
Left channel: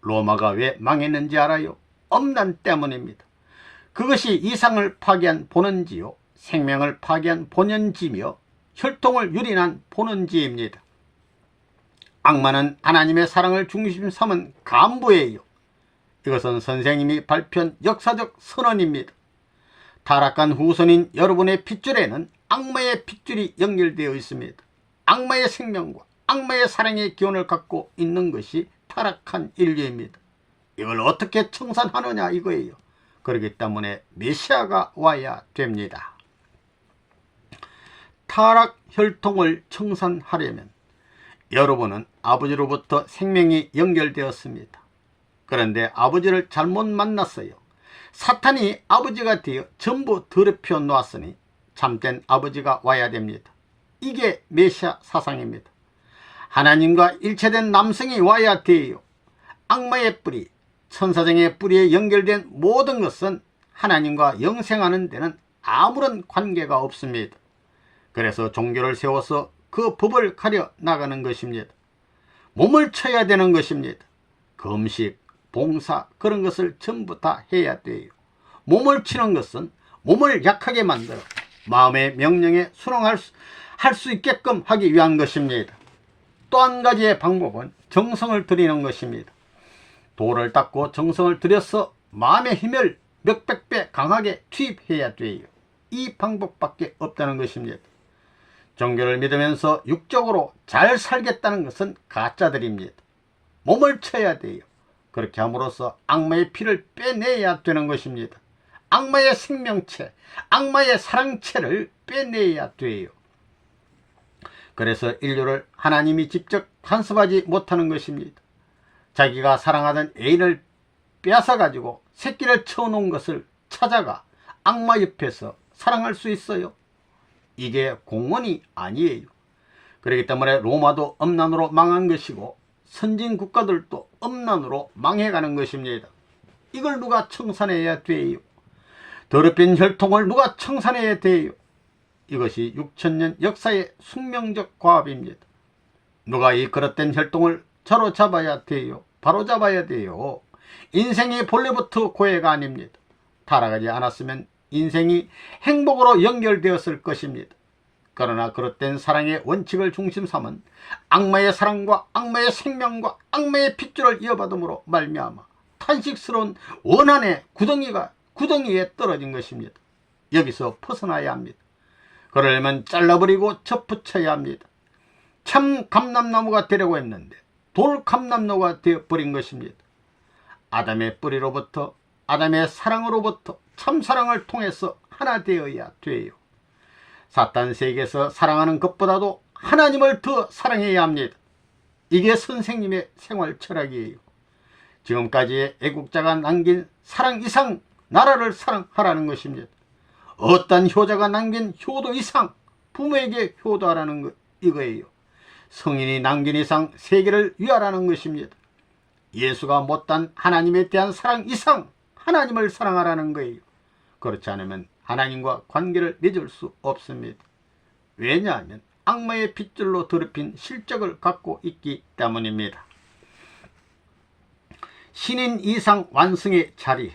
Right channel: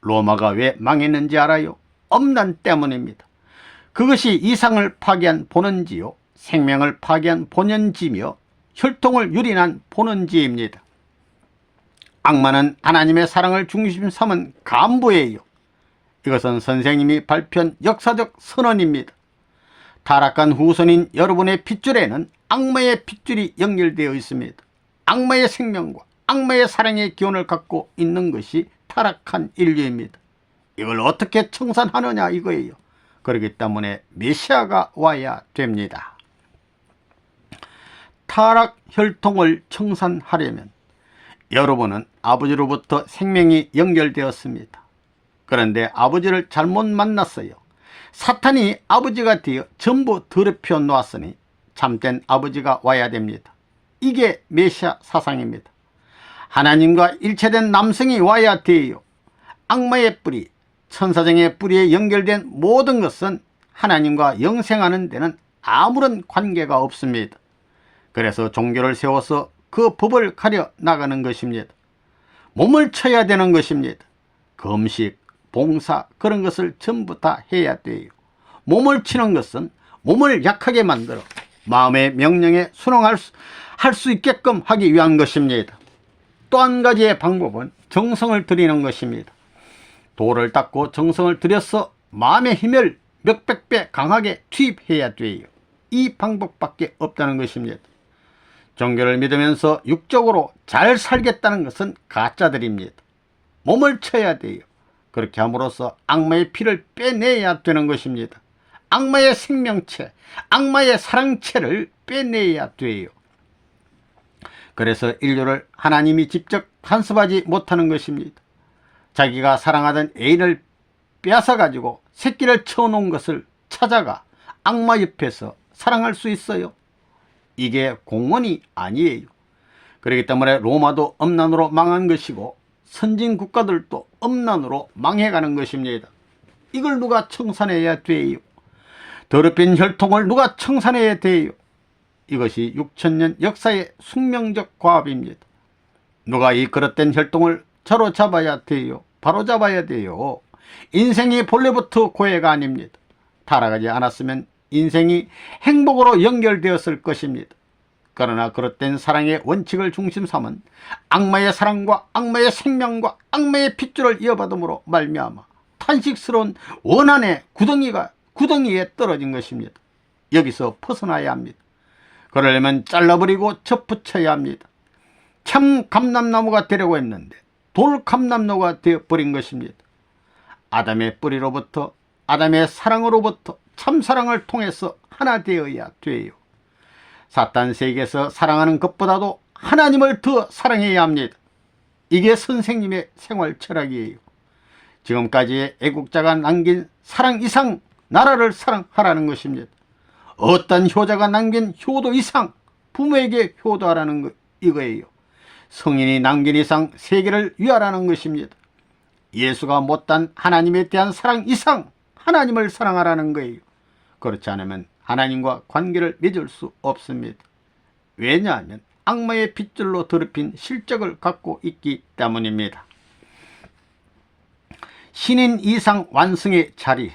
로마가 왜 망했는지 알아요? 음란 때문입니다. 그것이 이상을 파괴한 본원지요, 생명을 파괴한 본연지며 혈통을 유린한 본원지입니다. 악마는 하나님의 사랑을 중심 삼은 간부예요. 이것은 선생님이 발표한 역사적 선언입니다. 타락한 후손인 여러분의 핏줄에는 악마의 핏줄이 연결되어 있습니다. 악마의 생명과 악마의 사랑의 기원을 갖고 있는 것이 타락한 인류입니다. 이걸 어떻게 청산하느냐 이거예요. 그렇기 때문에 메시아가 와야 됩니다. 타락 혈통을 청산하려면 여러분은 아버지로부터 생명이 연결되었습니다. 그런데 아버지를 잘못 만났어요. 사탄이 아버지가 되어 전부 더럽혀 놓았으니 참된 아버지가 와야 됩니다. 이게 메시아 사상입니다. 하나님과 일체된 남성이 와야 돼요. 악마의 뿌리, 천사장의 뿌리에 연결된 모든 것은 하나님과 영생하는 데는 아무런 관계가 없습니다. 그래서 종교를 세워서 그 법을 가려 나가는 것입니다. 몸을 쳐야 되는 것입니다. 금식, 봉사 그런 것을 전부 다 해야 돼요. 몸을 치는 것은 몸을 약하게 만들어 마음의 명령에 순응할 수 있게끔 하기 위한 것입니다. 또 한 가지의 방법은 정성을 들이는 것입니다. 돌을 닦고 정성을 들여서 마음의 힘을 몇백 배 강하게 투입해야 돼요. 이 방법밖에 없다는 것입니다. 종교를 믿으면서 육적으로 잘 살겠다는 것은 가짜들입니다. 몸을 쳐야 돼요. 그렇게 함으로써 악마의 피를 빼내야 되는 것입니다. 악마의 생명체, 악마의 사랑체를 빼내야 돼요. 그래서 인류를 하나님이 직접 간섭하지 못하는 것입니다. 자기가 사랑하던 애인을 빼앗아가지고 새끼를 쳐놓은 것을 찾아가 악마 옆에서 사랑할 수 있어요? 이게 공원이 아니에요. 그렇기 때문에 로마도 엄난으로 망한 것이고 선진 국가들도 엄난으로 망해가는 것입니다. 이걸 누가 청산해야 돼요? 더럽힌 혈통을 누가 청산해야 돼요? 이것이 6000년 역사의 숙명적 과업입니다. 누가 이 그릇된 혈통을 자로잡아야 돼요? 바로잡아야 돼요. 인생이 본래부터 고해가 아닙니다. 타락하지 않았으면 인생이 행복으로 연결되었을 것입니다. 그러나 그릇된 사랑의 원칙을 중심 삼은 악마의 사랑과 악마의 생명과 악마의 핏줄을 이어받음으로 말미암아 탄식스러운 원한의 구덩이에 떨어진 것입니다. 여기서 벗어나야 합니다. 그러려면 잘라버리고 접붙여야 합니다. 참 감람나무가 되려고 했는데 돌감람나무가 되어버린 것입니다. 아담의 뿌리로부터, 아담의 사랑으로부터 참사랑을 통해서 하나 되어야 돼요. 사탄 세계에서 사랑하는 것보다도 하나님을 더 사랑해야 합니다. 이게 선생님의 생활 철학이에요. 지금까지의 애국자가 남긴 사랑 이상 나라를 사랑하라는 것입니다. 어떤 효자가 남긴 효도 이상 부모에게 효도하라는 이거예요. 성인이 남긴 이상 세계를 위하라는 것입니다. 예수가 못한 하나님에 대한 사랑 이상 하나님을 사랑하라는 거예요. 그렇지 않으면 하나님과 관계를 맺을 수 없습니다. 왜냐하면 악마의 핏줄로 더럽힌 실적을 갖고 있기 때문입니다. 신인 이상 완성의 자리,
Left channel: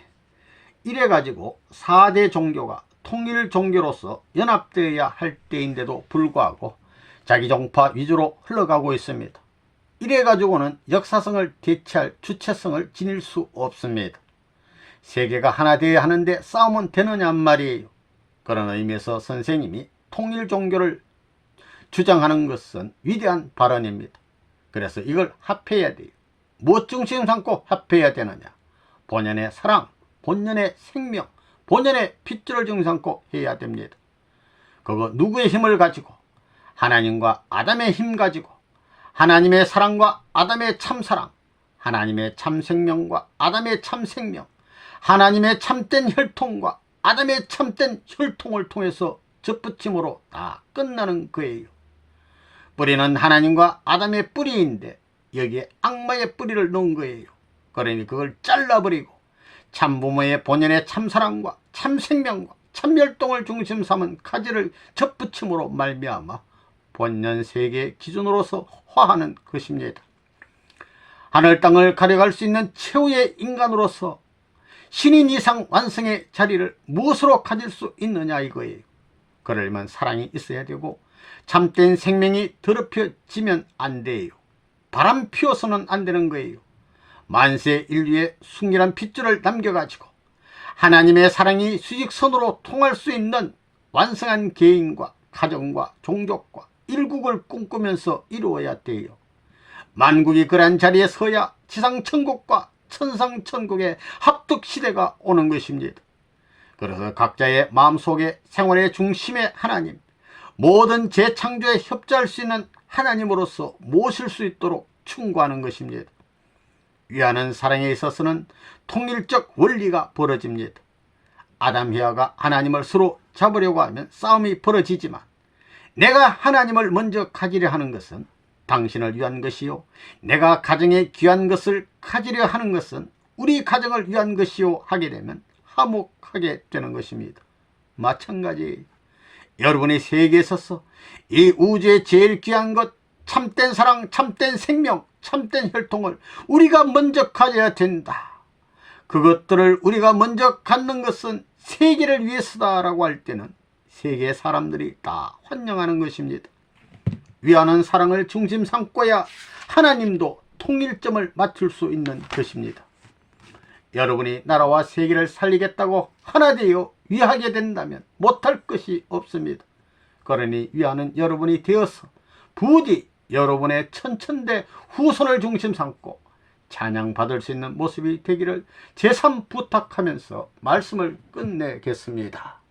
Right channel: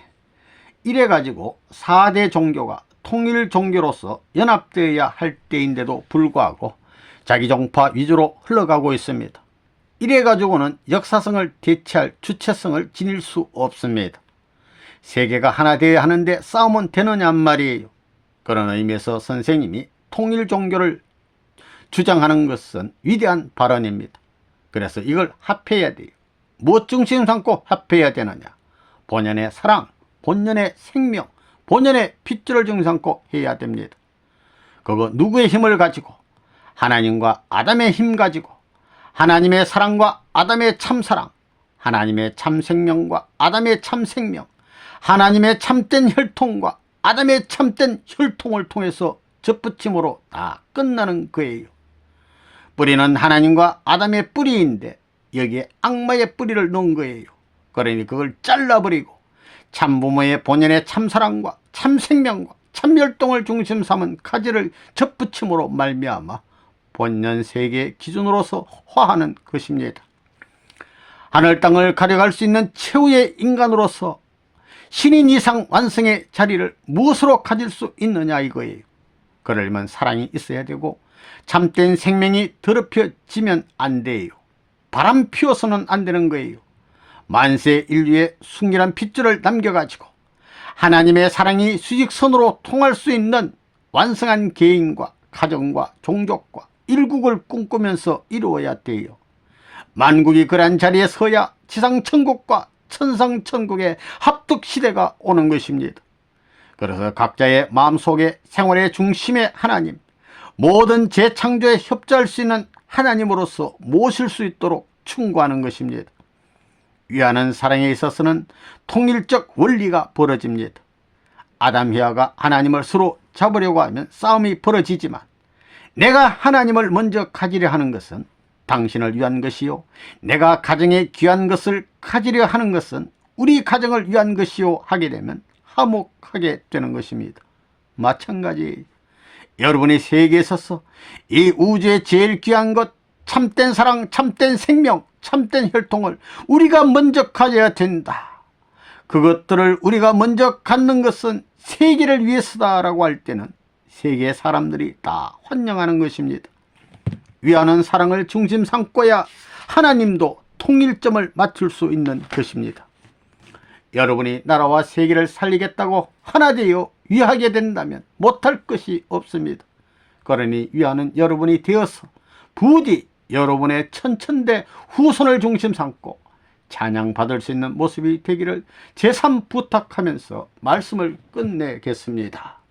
이래가지고 4대 종교가 통일 종교로서 연합되어야 할 때인데도 불구하고 자기 종파 위주로 흘러가고 있습니다. 이래가지고는 역사성을 대체할 주체성을 지닐 수 없습니다. 세계가 하나 되어야 하는데 싸우면 되느냐 말이에요. 그런 의미에서 선생님이 통일 종교를 주장하는 것은 위대한 발언입니다. 그래서 이걸 합해야 돼요. 무엇 중심 삼고 합해야 되느냐? 본연의 사랑, 본연의 생명, 본연의 핏줄을 중심 삼고 해야 됩니다. 그거 누구의 힘을 가지고? 하나님과 아담의 힘 가지고, 하나님의 사랑과 아담의 참사랑, 하나님의 참생명과 아담의 참생명, 하나님의 참된 혈통과 아담의 참된 혈통을 통해서 접붙임으로 다 끝나는 거예요. 뿌리는 하나님과 아담의 뿌리인데 여기에 악마의 뿌리를 놓은 거예요. 그러니 그걸 잘라버리고 참부모의 본연의 참사랑과 참생명과 참혈통을 중심 삼은 가지를 접붙임으로 말미암아 본연 세계의 기준으로서 화하는 것입니다. 하늘 땅을 가려갈 수 있는 최후의 인간으로서 신인 이상 완성의 자리를 무엇으로 가질 수 있느냐 이거예요. 그러려면 사랑이 있어야 되고 참된 생명이 더럽혀지면 안 돼요. 바람 피워서는 안 되는 거예요. 만세 인류의 순결한 핏줄을 남겨가지고 하나님의 사랑이 수직선으로 통할 수 있는 완성한 개인과 가정과 종족과 일국을 꿈꾸면서 이루어야 돼요. 만국이 그러한 자리에 서야 지상천국과 천상천국의 합득시대가 오는 것입니다. 그래서 각자의 마음속에 생활의 중심에 하나님, 모든 재창조에 협조할 수 있는 하나님으로서 모실 수 있도록 충고하는 것입니다. 위하는 사랑에 있어서는 통일적 원리가 벌어집니다. 아담 해와가 하나님을 서로 잡으려고 하면 싸움이 벌어지지만 내가 하나님을 먼저 가지려 하는 것은 당신을 위한 것이요, 내가 가정에 귀한 것을 가지려 하는 것은 우리 가정을 위한 것이요 하게 되면 화목하게 되는 것입니다. 마찬가지 여러분이 세계에 있어서 이 우주의 제일 귀한 것, 참된 사랑, 참된 생명, 참된 혈통을 우리가 먼저 가져야 된다. 그것들을 우리가 먼저 갖는 것은 세계를 위해서다라고 할 때는 세계의 사람들이 다 환영하는 것입니다. 위하는 사랑을 중심 삼고야 하나님도 통일점을 맞출 수 있는 것입니다. 여러분이 나라와 세계를 살리겠다고 하나 되어 위하게 된다면 못할 것이 없습니다. 그러니 위하는 여러분이 되어서 부디 여러분의 천천대 후손을 중심 삼고 찬양받을 수 있는 모습이 되기를 제삼 부탁하면서 말씀을 끝내겠습니다.